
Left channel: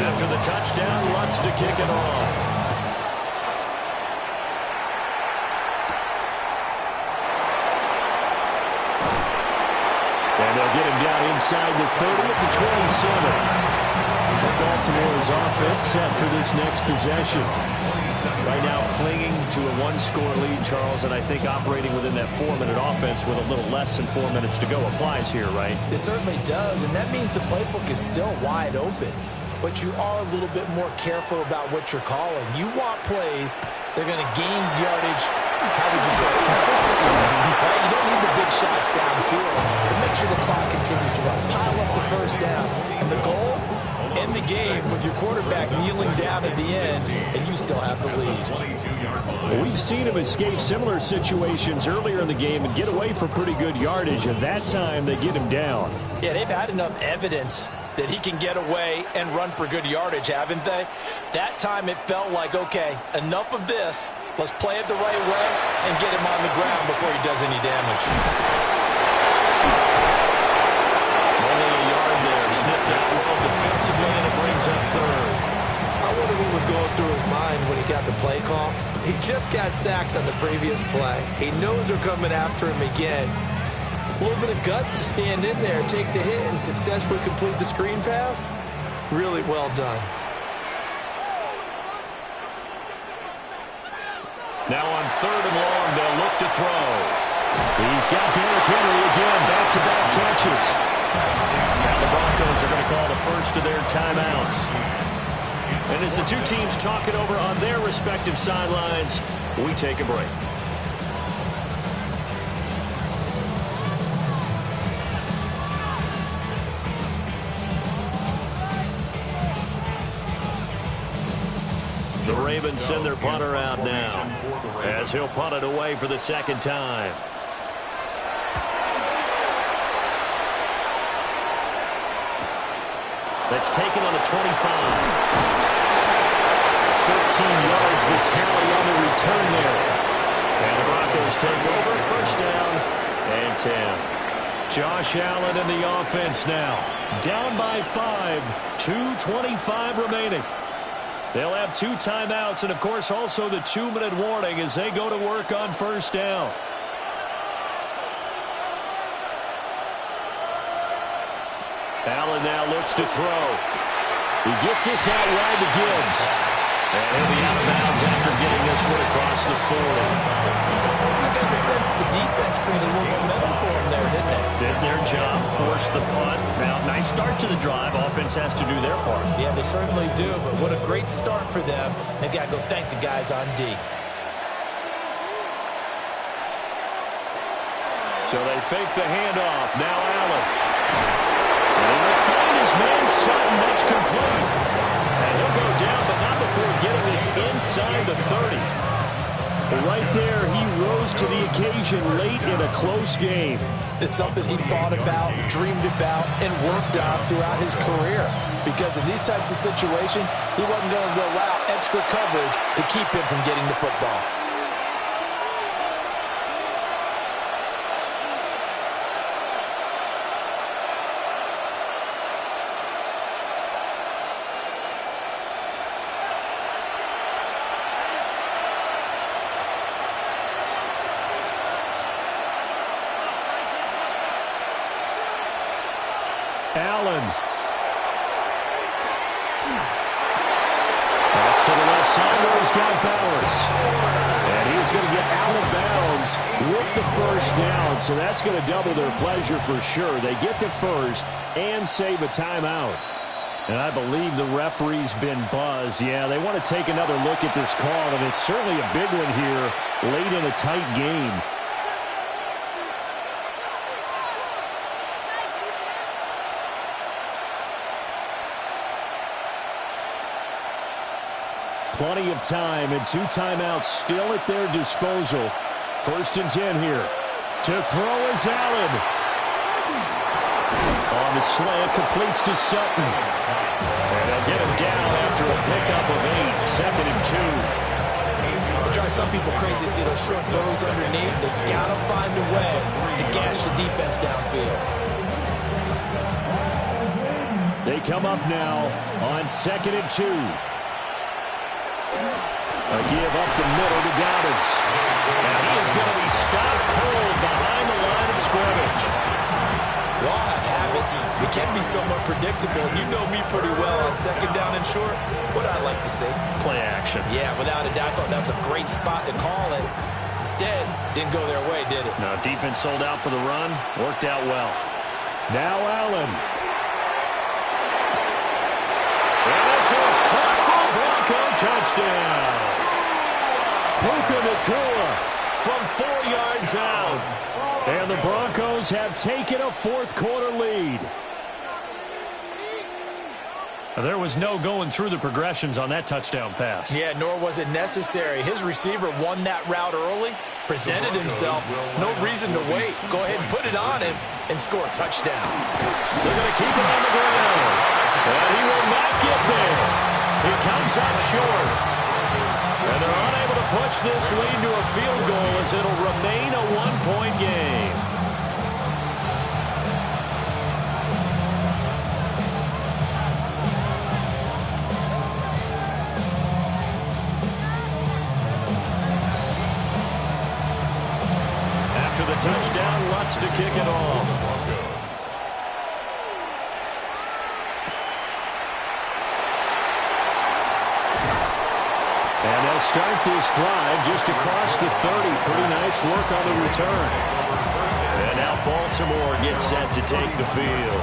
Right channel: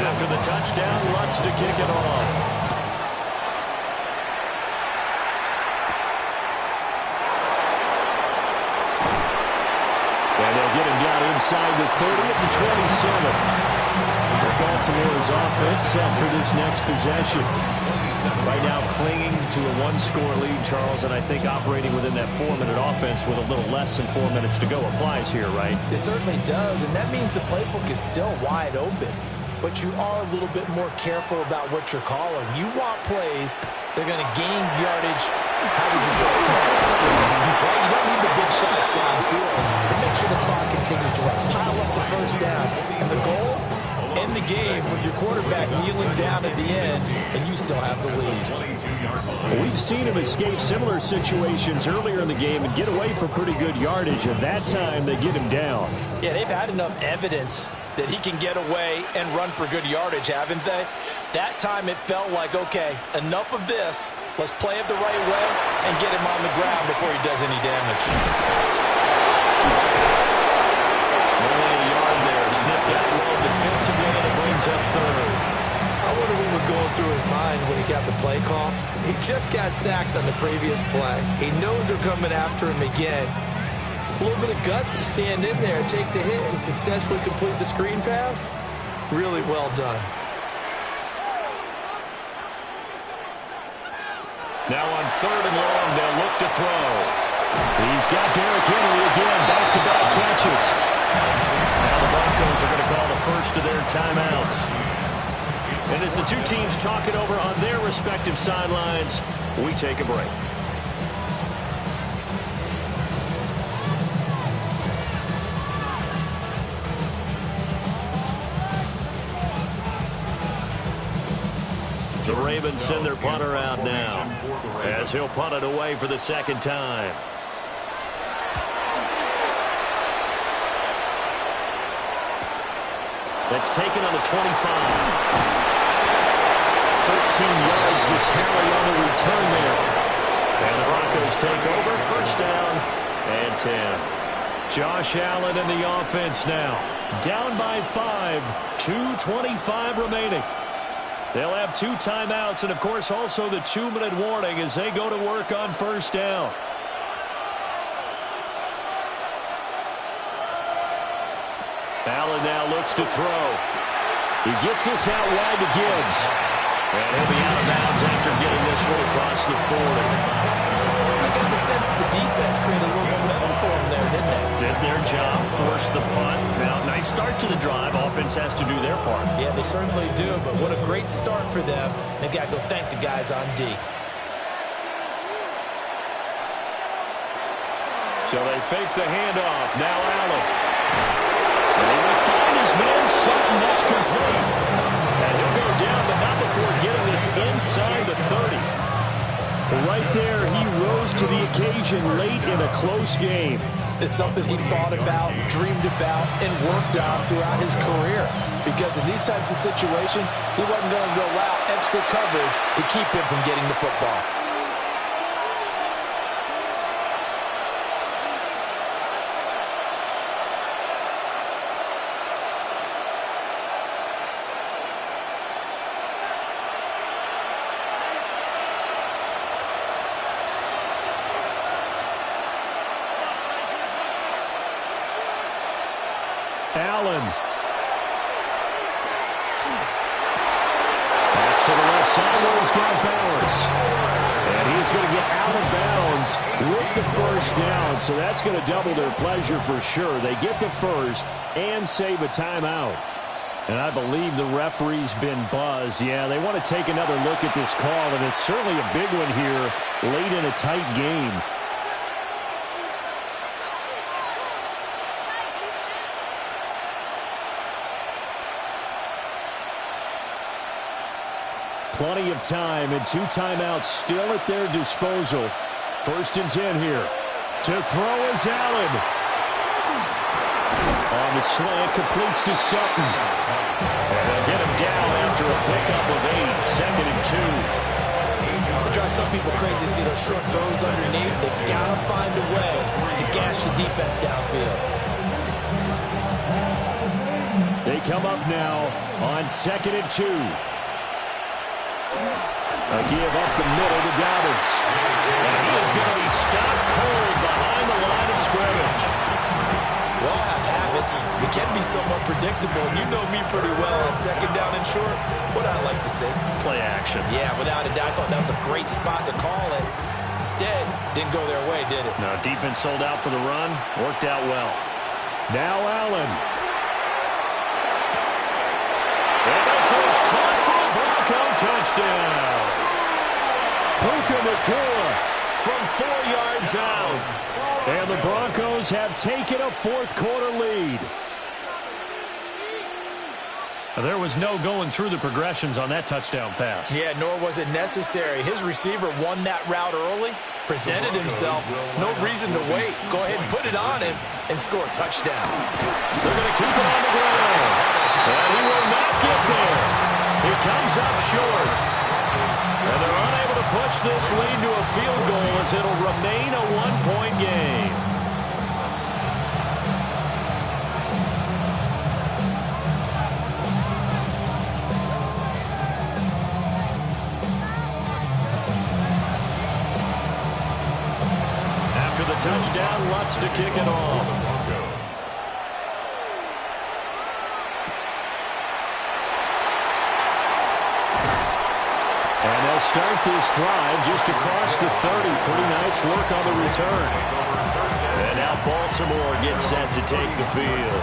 After the touchdown, Lutz to kick it off. And they'll get him down inside the 30 at the 27. Baltimore's offense set for this next possession. Right now clinging to a one-score lead, Charles, and I think operating within that 4-minute offense with a little less than 4 minutes to go applies here, right? It certainly does, and that means the playbook is still wide open. But you are a little bit more careful about what you're calling. You want plays that are going to gain yardage, how would you say, consistently, right? You don't need the big shots downfield, but make sure the clock continues to run. Pile up the first down. And the goal, end the game with your quarterback kneeling down at the end, and you still have the lead. Well, we've seen him escape similar situations earlier in the game and get away for pretty good yardage, and that time they get him down. Yeah, they've had enough evidence that he can get away and run for good yardage, haven't they? That time it felt like, okay, enough of this. Let's play it the right way and get him on the ground before he does any damage. Only a yard there. Sniffed out well defensively, and it brings up third. I wonder what was going through his mind when he got the play call. He just got sacked on the previous play. He knows they're coming after him again. A little bit of guts to stand in there, take the hit, and successfully complete the screen pass. Really well done. Now on 3rd and long, they'll look to throw. He's got Derrick Henry again, back-to-back catches. Now the Broncos are going to call the first of their timeouts. And as the two teams talk it over on their respective sidelines, we take a break. The Ravens send their punter out now as he'll punt it away for the second time. That's taken on the 25. 13 yards the tally on the return there. And the Broncos take over, first down and 10. Josh Allen in the offense now. Down by 5, 2:25 remaining. They'll have 2 timeouts and, of course, also the 2-minute warning as they go to work on first down. Allen now looks to throw. He gets this out wide to Gibbs. And he'll be out of bounds after getting this one across the 40. I got the sense that the defense created a little momentum for him there, didn't they? Did their job, forced the punt. Now, nice start to the drive. Offense has to do their part. Yeah, they certainly do, but what a great start for them. They've got to go thank the guys on D. So they fake the handoff. Now Allen. And he will find his man Sutton. That's complete. And he'll go down, but not before getting this inside the 30. Right there, he rose to the occasion late in a close game. It's something he thought about, dreamed about, and worked on throughout his career. Because in these types of situations, he wasn't going to allow extra coverage to keep him from getting the football. to the left side where he's got Bowers. And he's going to get out of bounds with the first down, so that's going to double their pleasure for sure. They get the first and save a timeout. And I believe the referee's been buzzed. Yeah, they want to take another look at this call, and it's certainly a big one here late in a tight game. Plenty of time and 2 timeouts still at their disposal. 1st and 10 here. To throw is Allen. On the slant, completes to Sutton. And they'll get him down after a pickup of 8. 2nd and 2. It drives some people crazy to see those short throws underneath. They've got to find a way to gash the defense downfield. They come up now on 2nd and 2. A give up the middle to Dobbins. And he is going to be stopped cold behind the line of scrimmage. We all have habits. We can be somewhat predictable. And you know me pretty well on 2nd down and short. What I like to say? Play action. Yeah, without a doubt. I thought that was a great spot to call it. Instead, didn't go their way, did it? No, defense sold out for the run. Worked out well. Now Allen. And this is caught for a Bronco touchdown. Puka Nacua from 4 yards out. And the Broncos have taken a 4th quarter lead. There was no going through the progressions on that touchdown pass. Yeah, nor was it necessary. His receiver won that route early, presented himself. No reason to wait. Go ahead and put it on him and score a touchdown. They're going to keep it on the ground. And he will not get there. He comes up short. And they're unable to push this lead to a field goal as it'll remain a 1-point game. After the touchdown, Lutz to kick it off. And they'll start this drive just across the 30. Pretty nice work on the return. And now Baltimore gets set to take the field.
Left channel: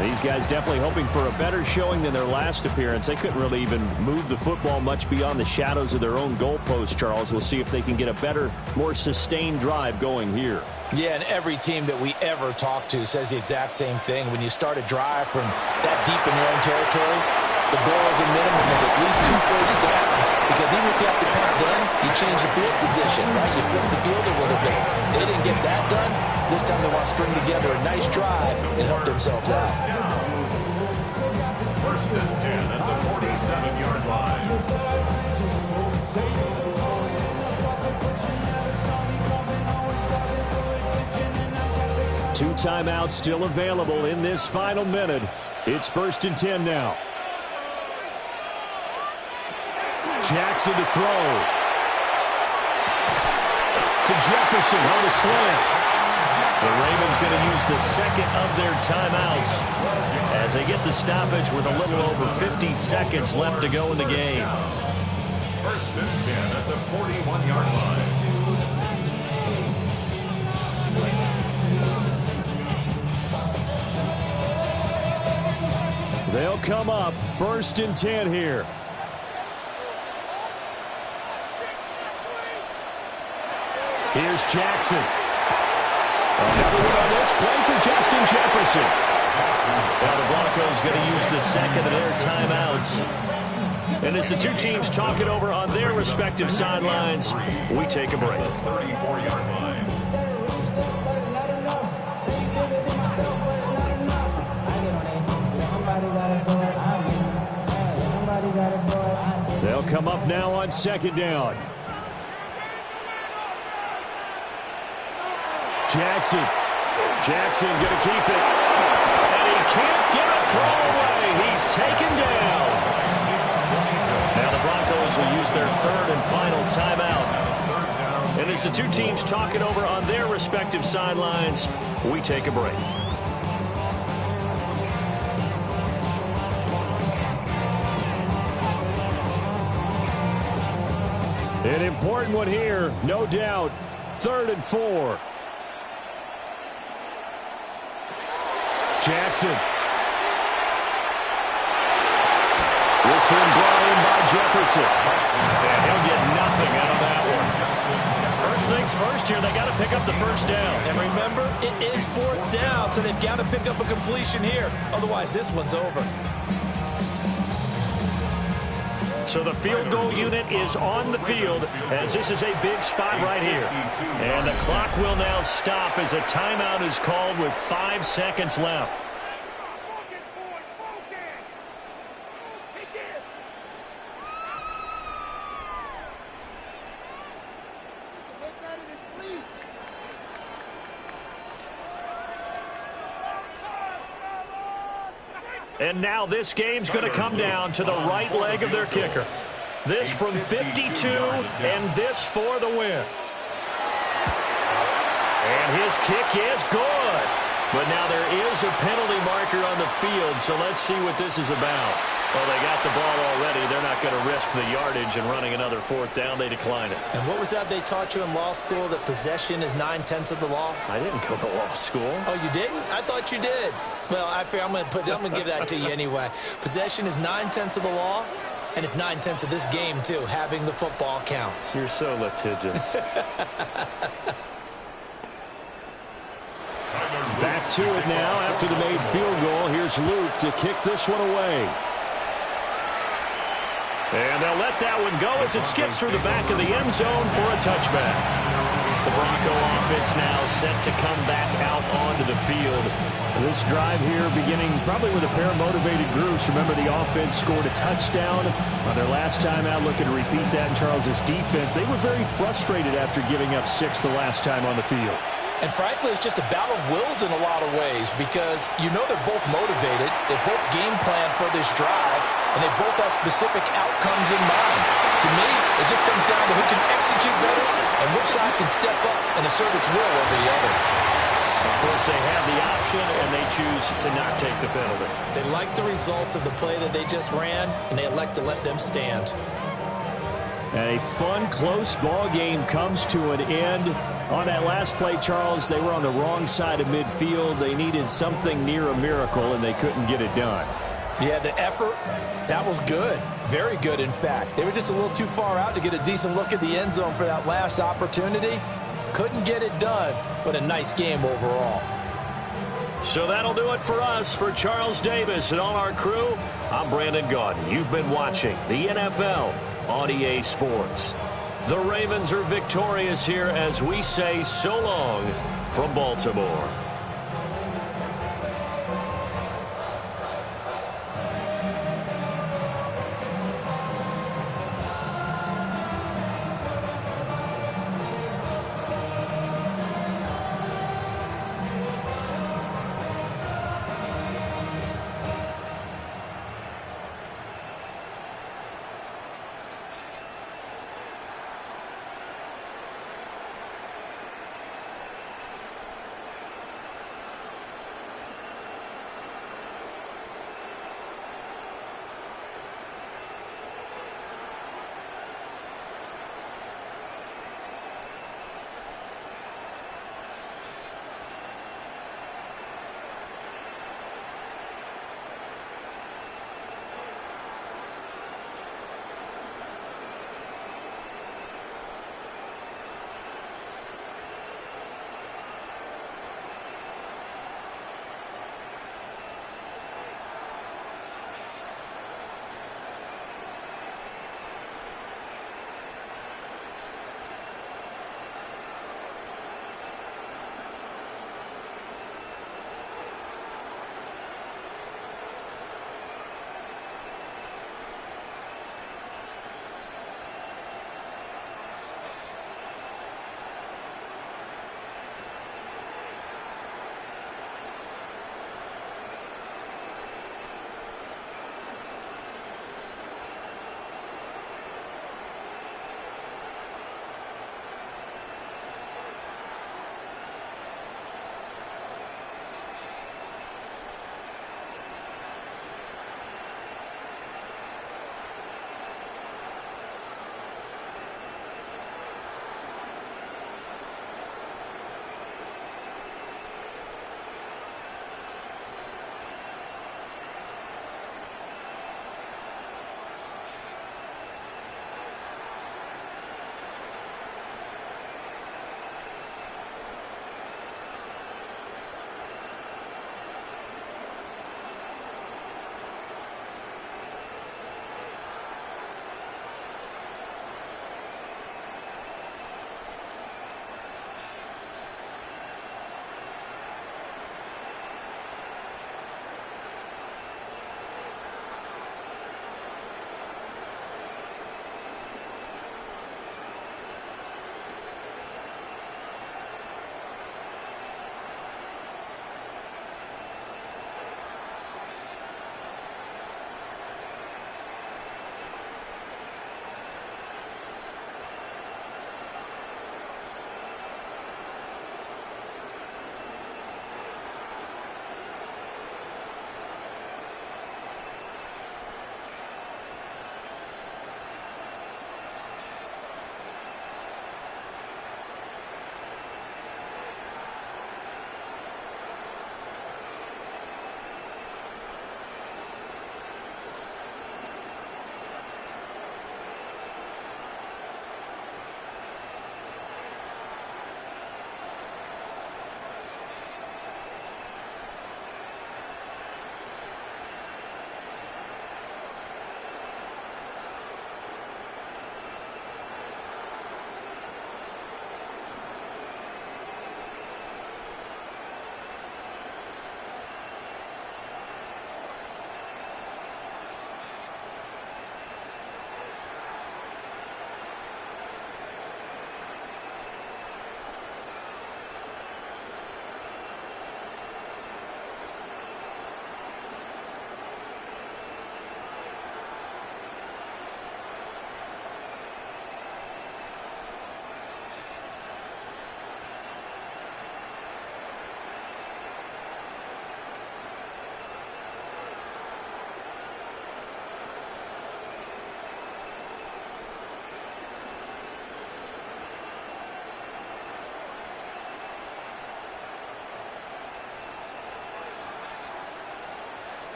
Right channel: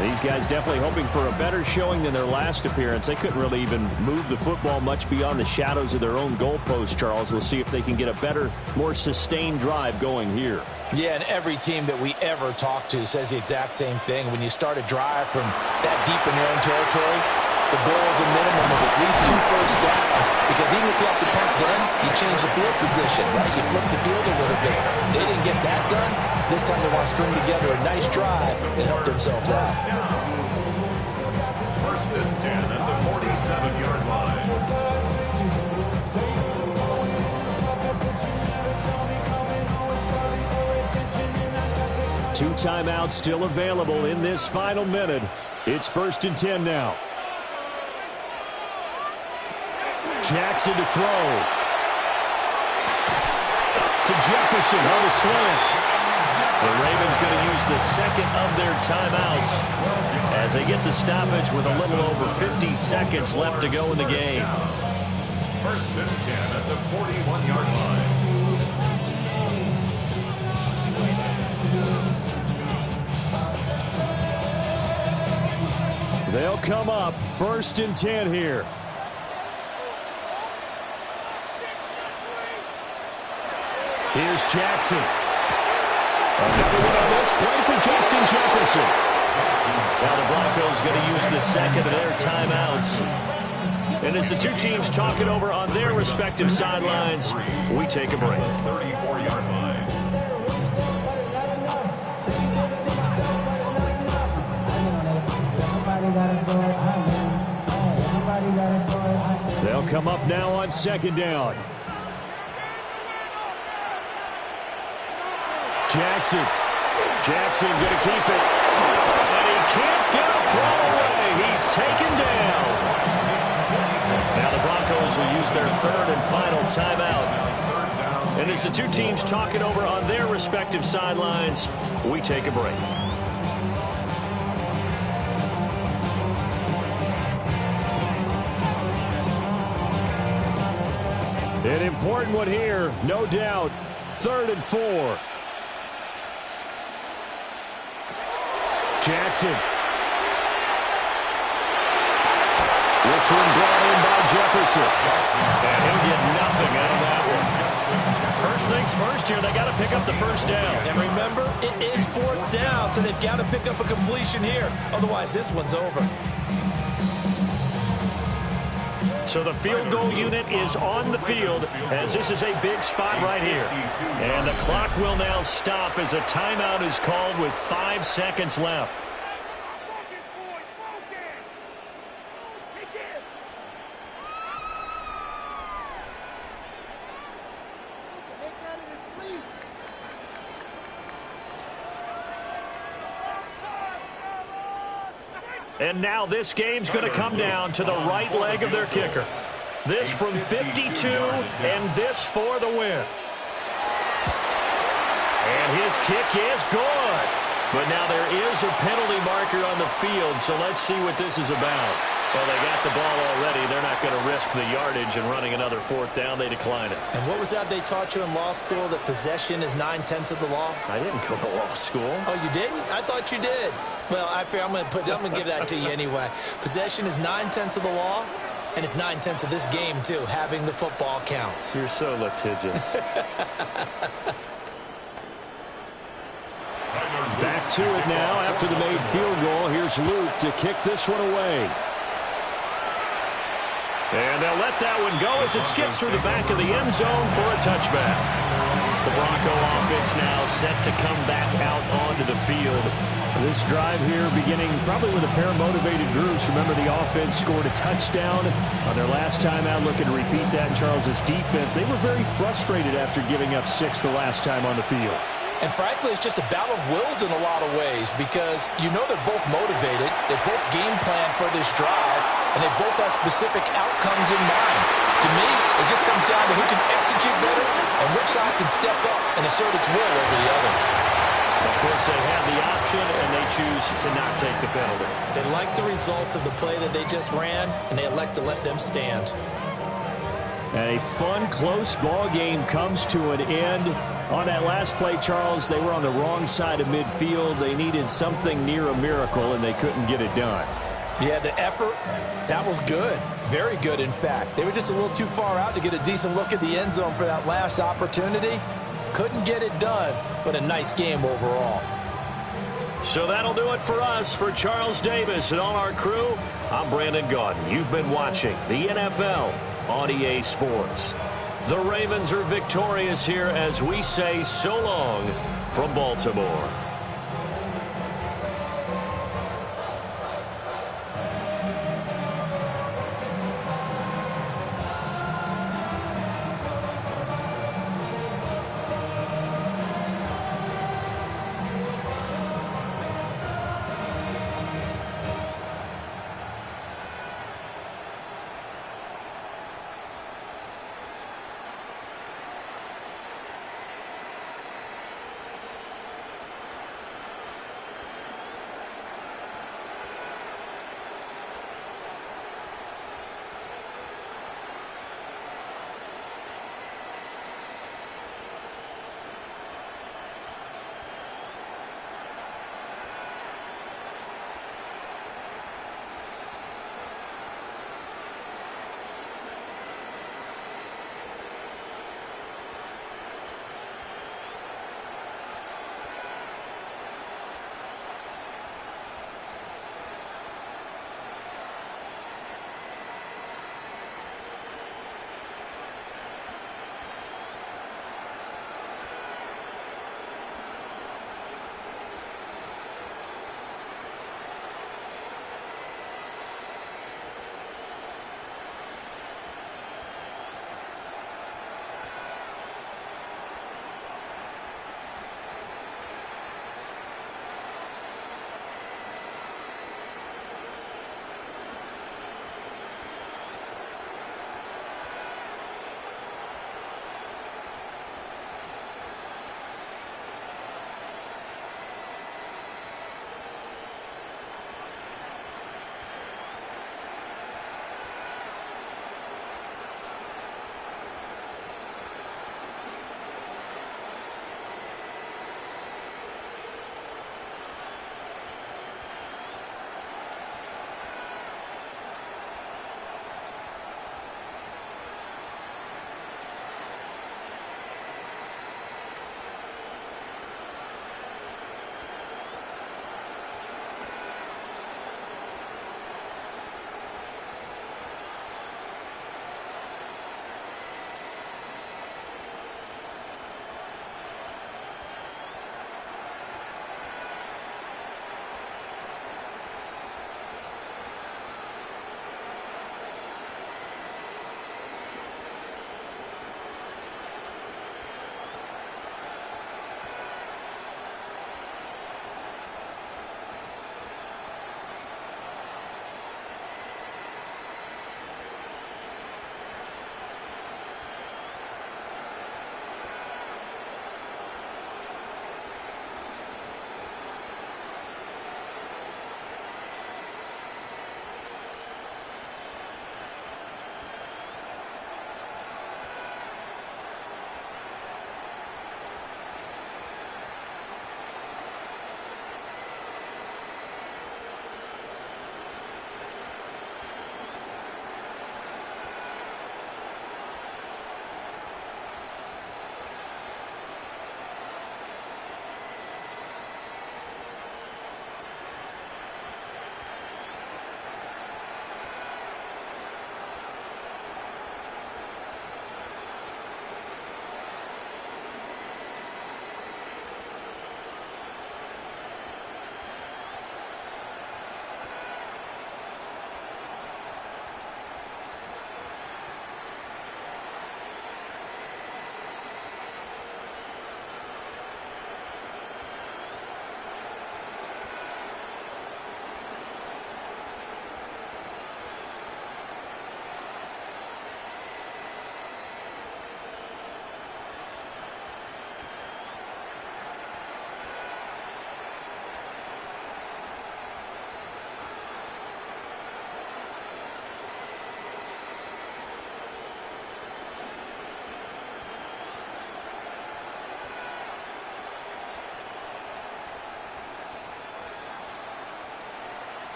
These guys definitely hoping for a better showing than their last appearance. They couldn't really even move the football much beyond the shadows of their own goalpost, Charles. We'll see if they can get a better, more sustained drive going here. Yeah, and every team that we ever talk to says the exact same thing. When you start a drive from that deep in your own territory, the goal is a minimum of at least 2 first downs, because even if you have to punt then, you change the field position, right? You flip the field a little bit. They didn't get that done. This time they want to string together a nice drive and help themselves out. 1st and 10 at the 47-yard line. Two timeouts still available in this final minute. It's 1st and 10 now. Jackson to throw. To Jefferson on the slant. The Ravens going to use the 2nd of their timeouts as they get the stoppage with a little over 50 seconds left to go in the game. 1st and 10 at the 41-yard line. They'll come up 1st and 10 here. Here's Jackson. Another one on this play for Justin Jefferson. Now the Broncos going to use the 2nd of their timeouts. And as the two teams talk it over on their respective sidelines, we take a break. 34-yard line. They'll come up now on 2nd down. Jackson going to keep it. And he can't get a throw away. He's taken down. Now the Broncos will use their 3rd and final timeout. And as the two teams talk it over on their respective sidelines, we take a break. An important one here, no doubt. 3rd and 4. Jackson. This one brought in by Jefferson. And he'll get nothing out of that one. First things first here, they got to pick up the first down. And remember, it is 4th down, so they've got to pick up a completion here. Otherwise, this one's over. So the field goal unit is on the field as this is a big spot right here. And the clock will now stop as a timeout is called with 5 seconds left. And now this game's going to come down to the right leg of their kicker. This from 52, and this for the win. And his kick is good. But now there is a penalty marker on the field, so let's see what this is about. Well, they got the ball already. They're not going to risk the yardage and running another 4th down. They decline it. And what was that they taught you in law school, that possession is 9/10 of the law? I didn't go to law school. Oh, you didn't? I thought you did. Well, I'm going to give that to you anyway. Possession is 9/10 of the law, and it's 9/10 of this game, too. Having the football counts. You're so litigious. Back to it now after the made field goal. Here's Luke to kick this one away. And they'll let that one go as it skips through the back of the end zone for a touchback. The Bronco offense now set to come back out onto the field. This drive here beginning probably with a pair of motivated groups. Remember, the offense scored a touchdown on their last time out. Looking to repeat that in Charles's defense. They were very frustrated after giving up 6 the last time on the field. And frankly, it's just a battle of wills in a lot of ways because you know they're both motivated. They both game plan for this drive, and they both have specific outcomes in mind. To me, it just comes down to who can execute better and which side can step up and assert its will over the other. Of course, they have the option, and they choose to not take the penalty. They like the results of the play that they just ran, and they elect to let them stand. And a fun, close ball game comes to an end. On that last play, Charles, they were on the wrong side of midfield. They needed something near a miracle, and they couldn't get it done. Yeah, the effort, that was good. Very good, in fact. They were just a little too far out to get a decent look at the end zone for that last opportunity. Couldn't get it done, but a nice game overall. So that'll do it for us. For Charles Davis and all our crew, I'm Brandon Gaudin. You've been watching the NFL on EA Sports. The Ravens are victorious here as we say so long from Baltimore.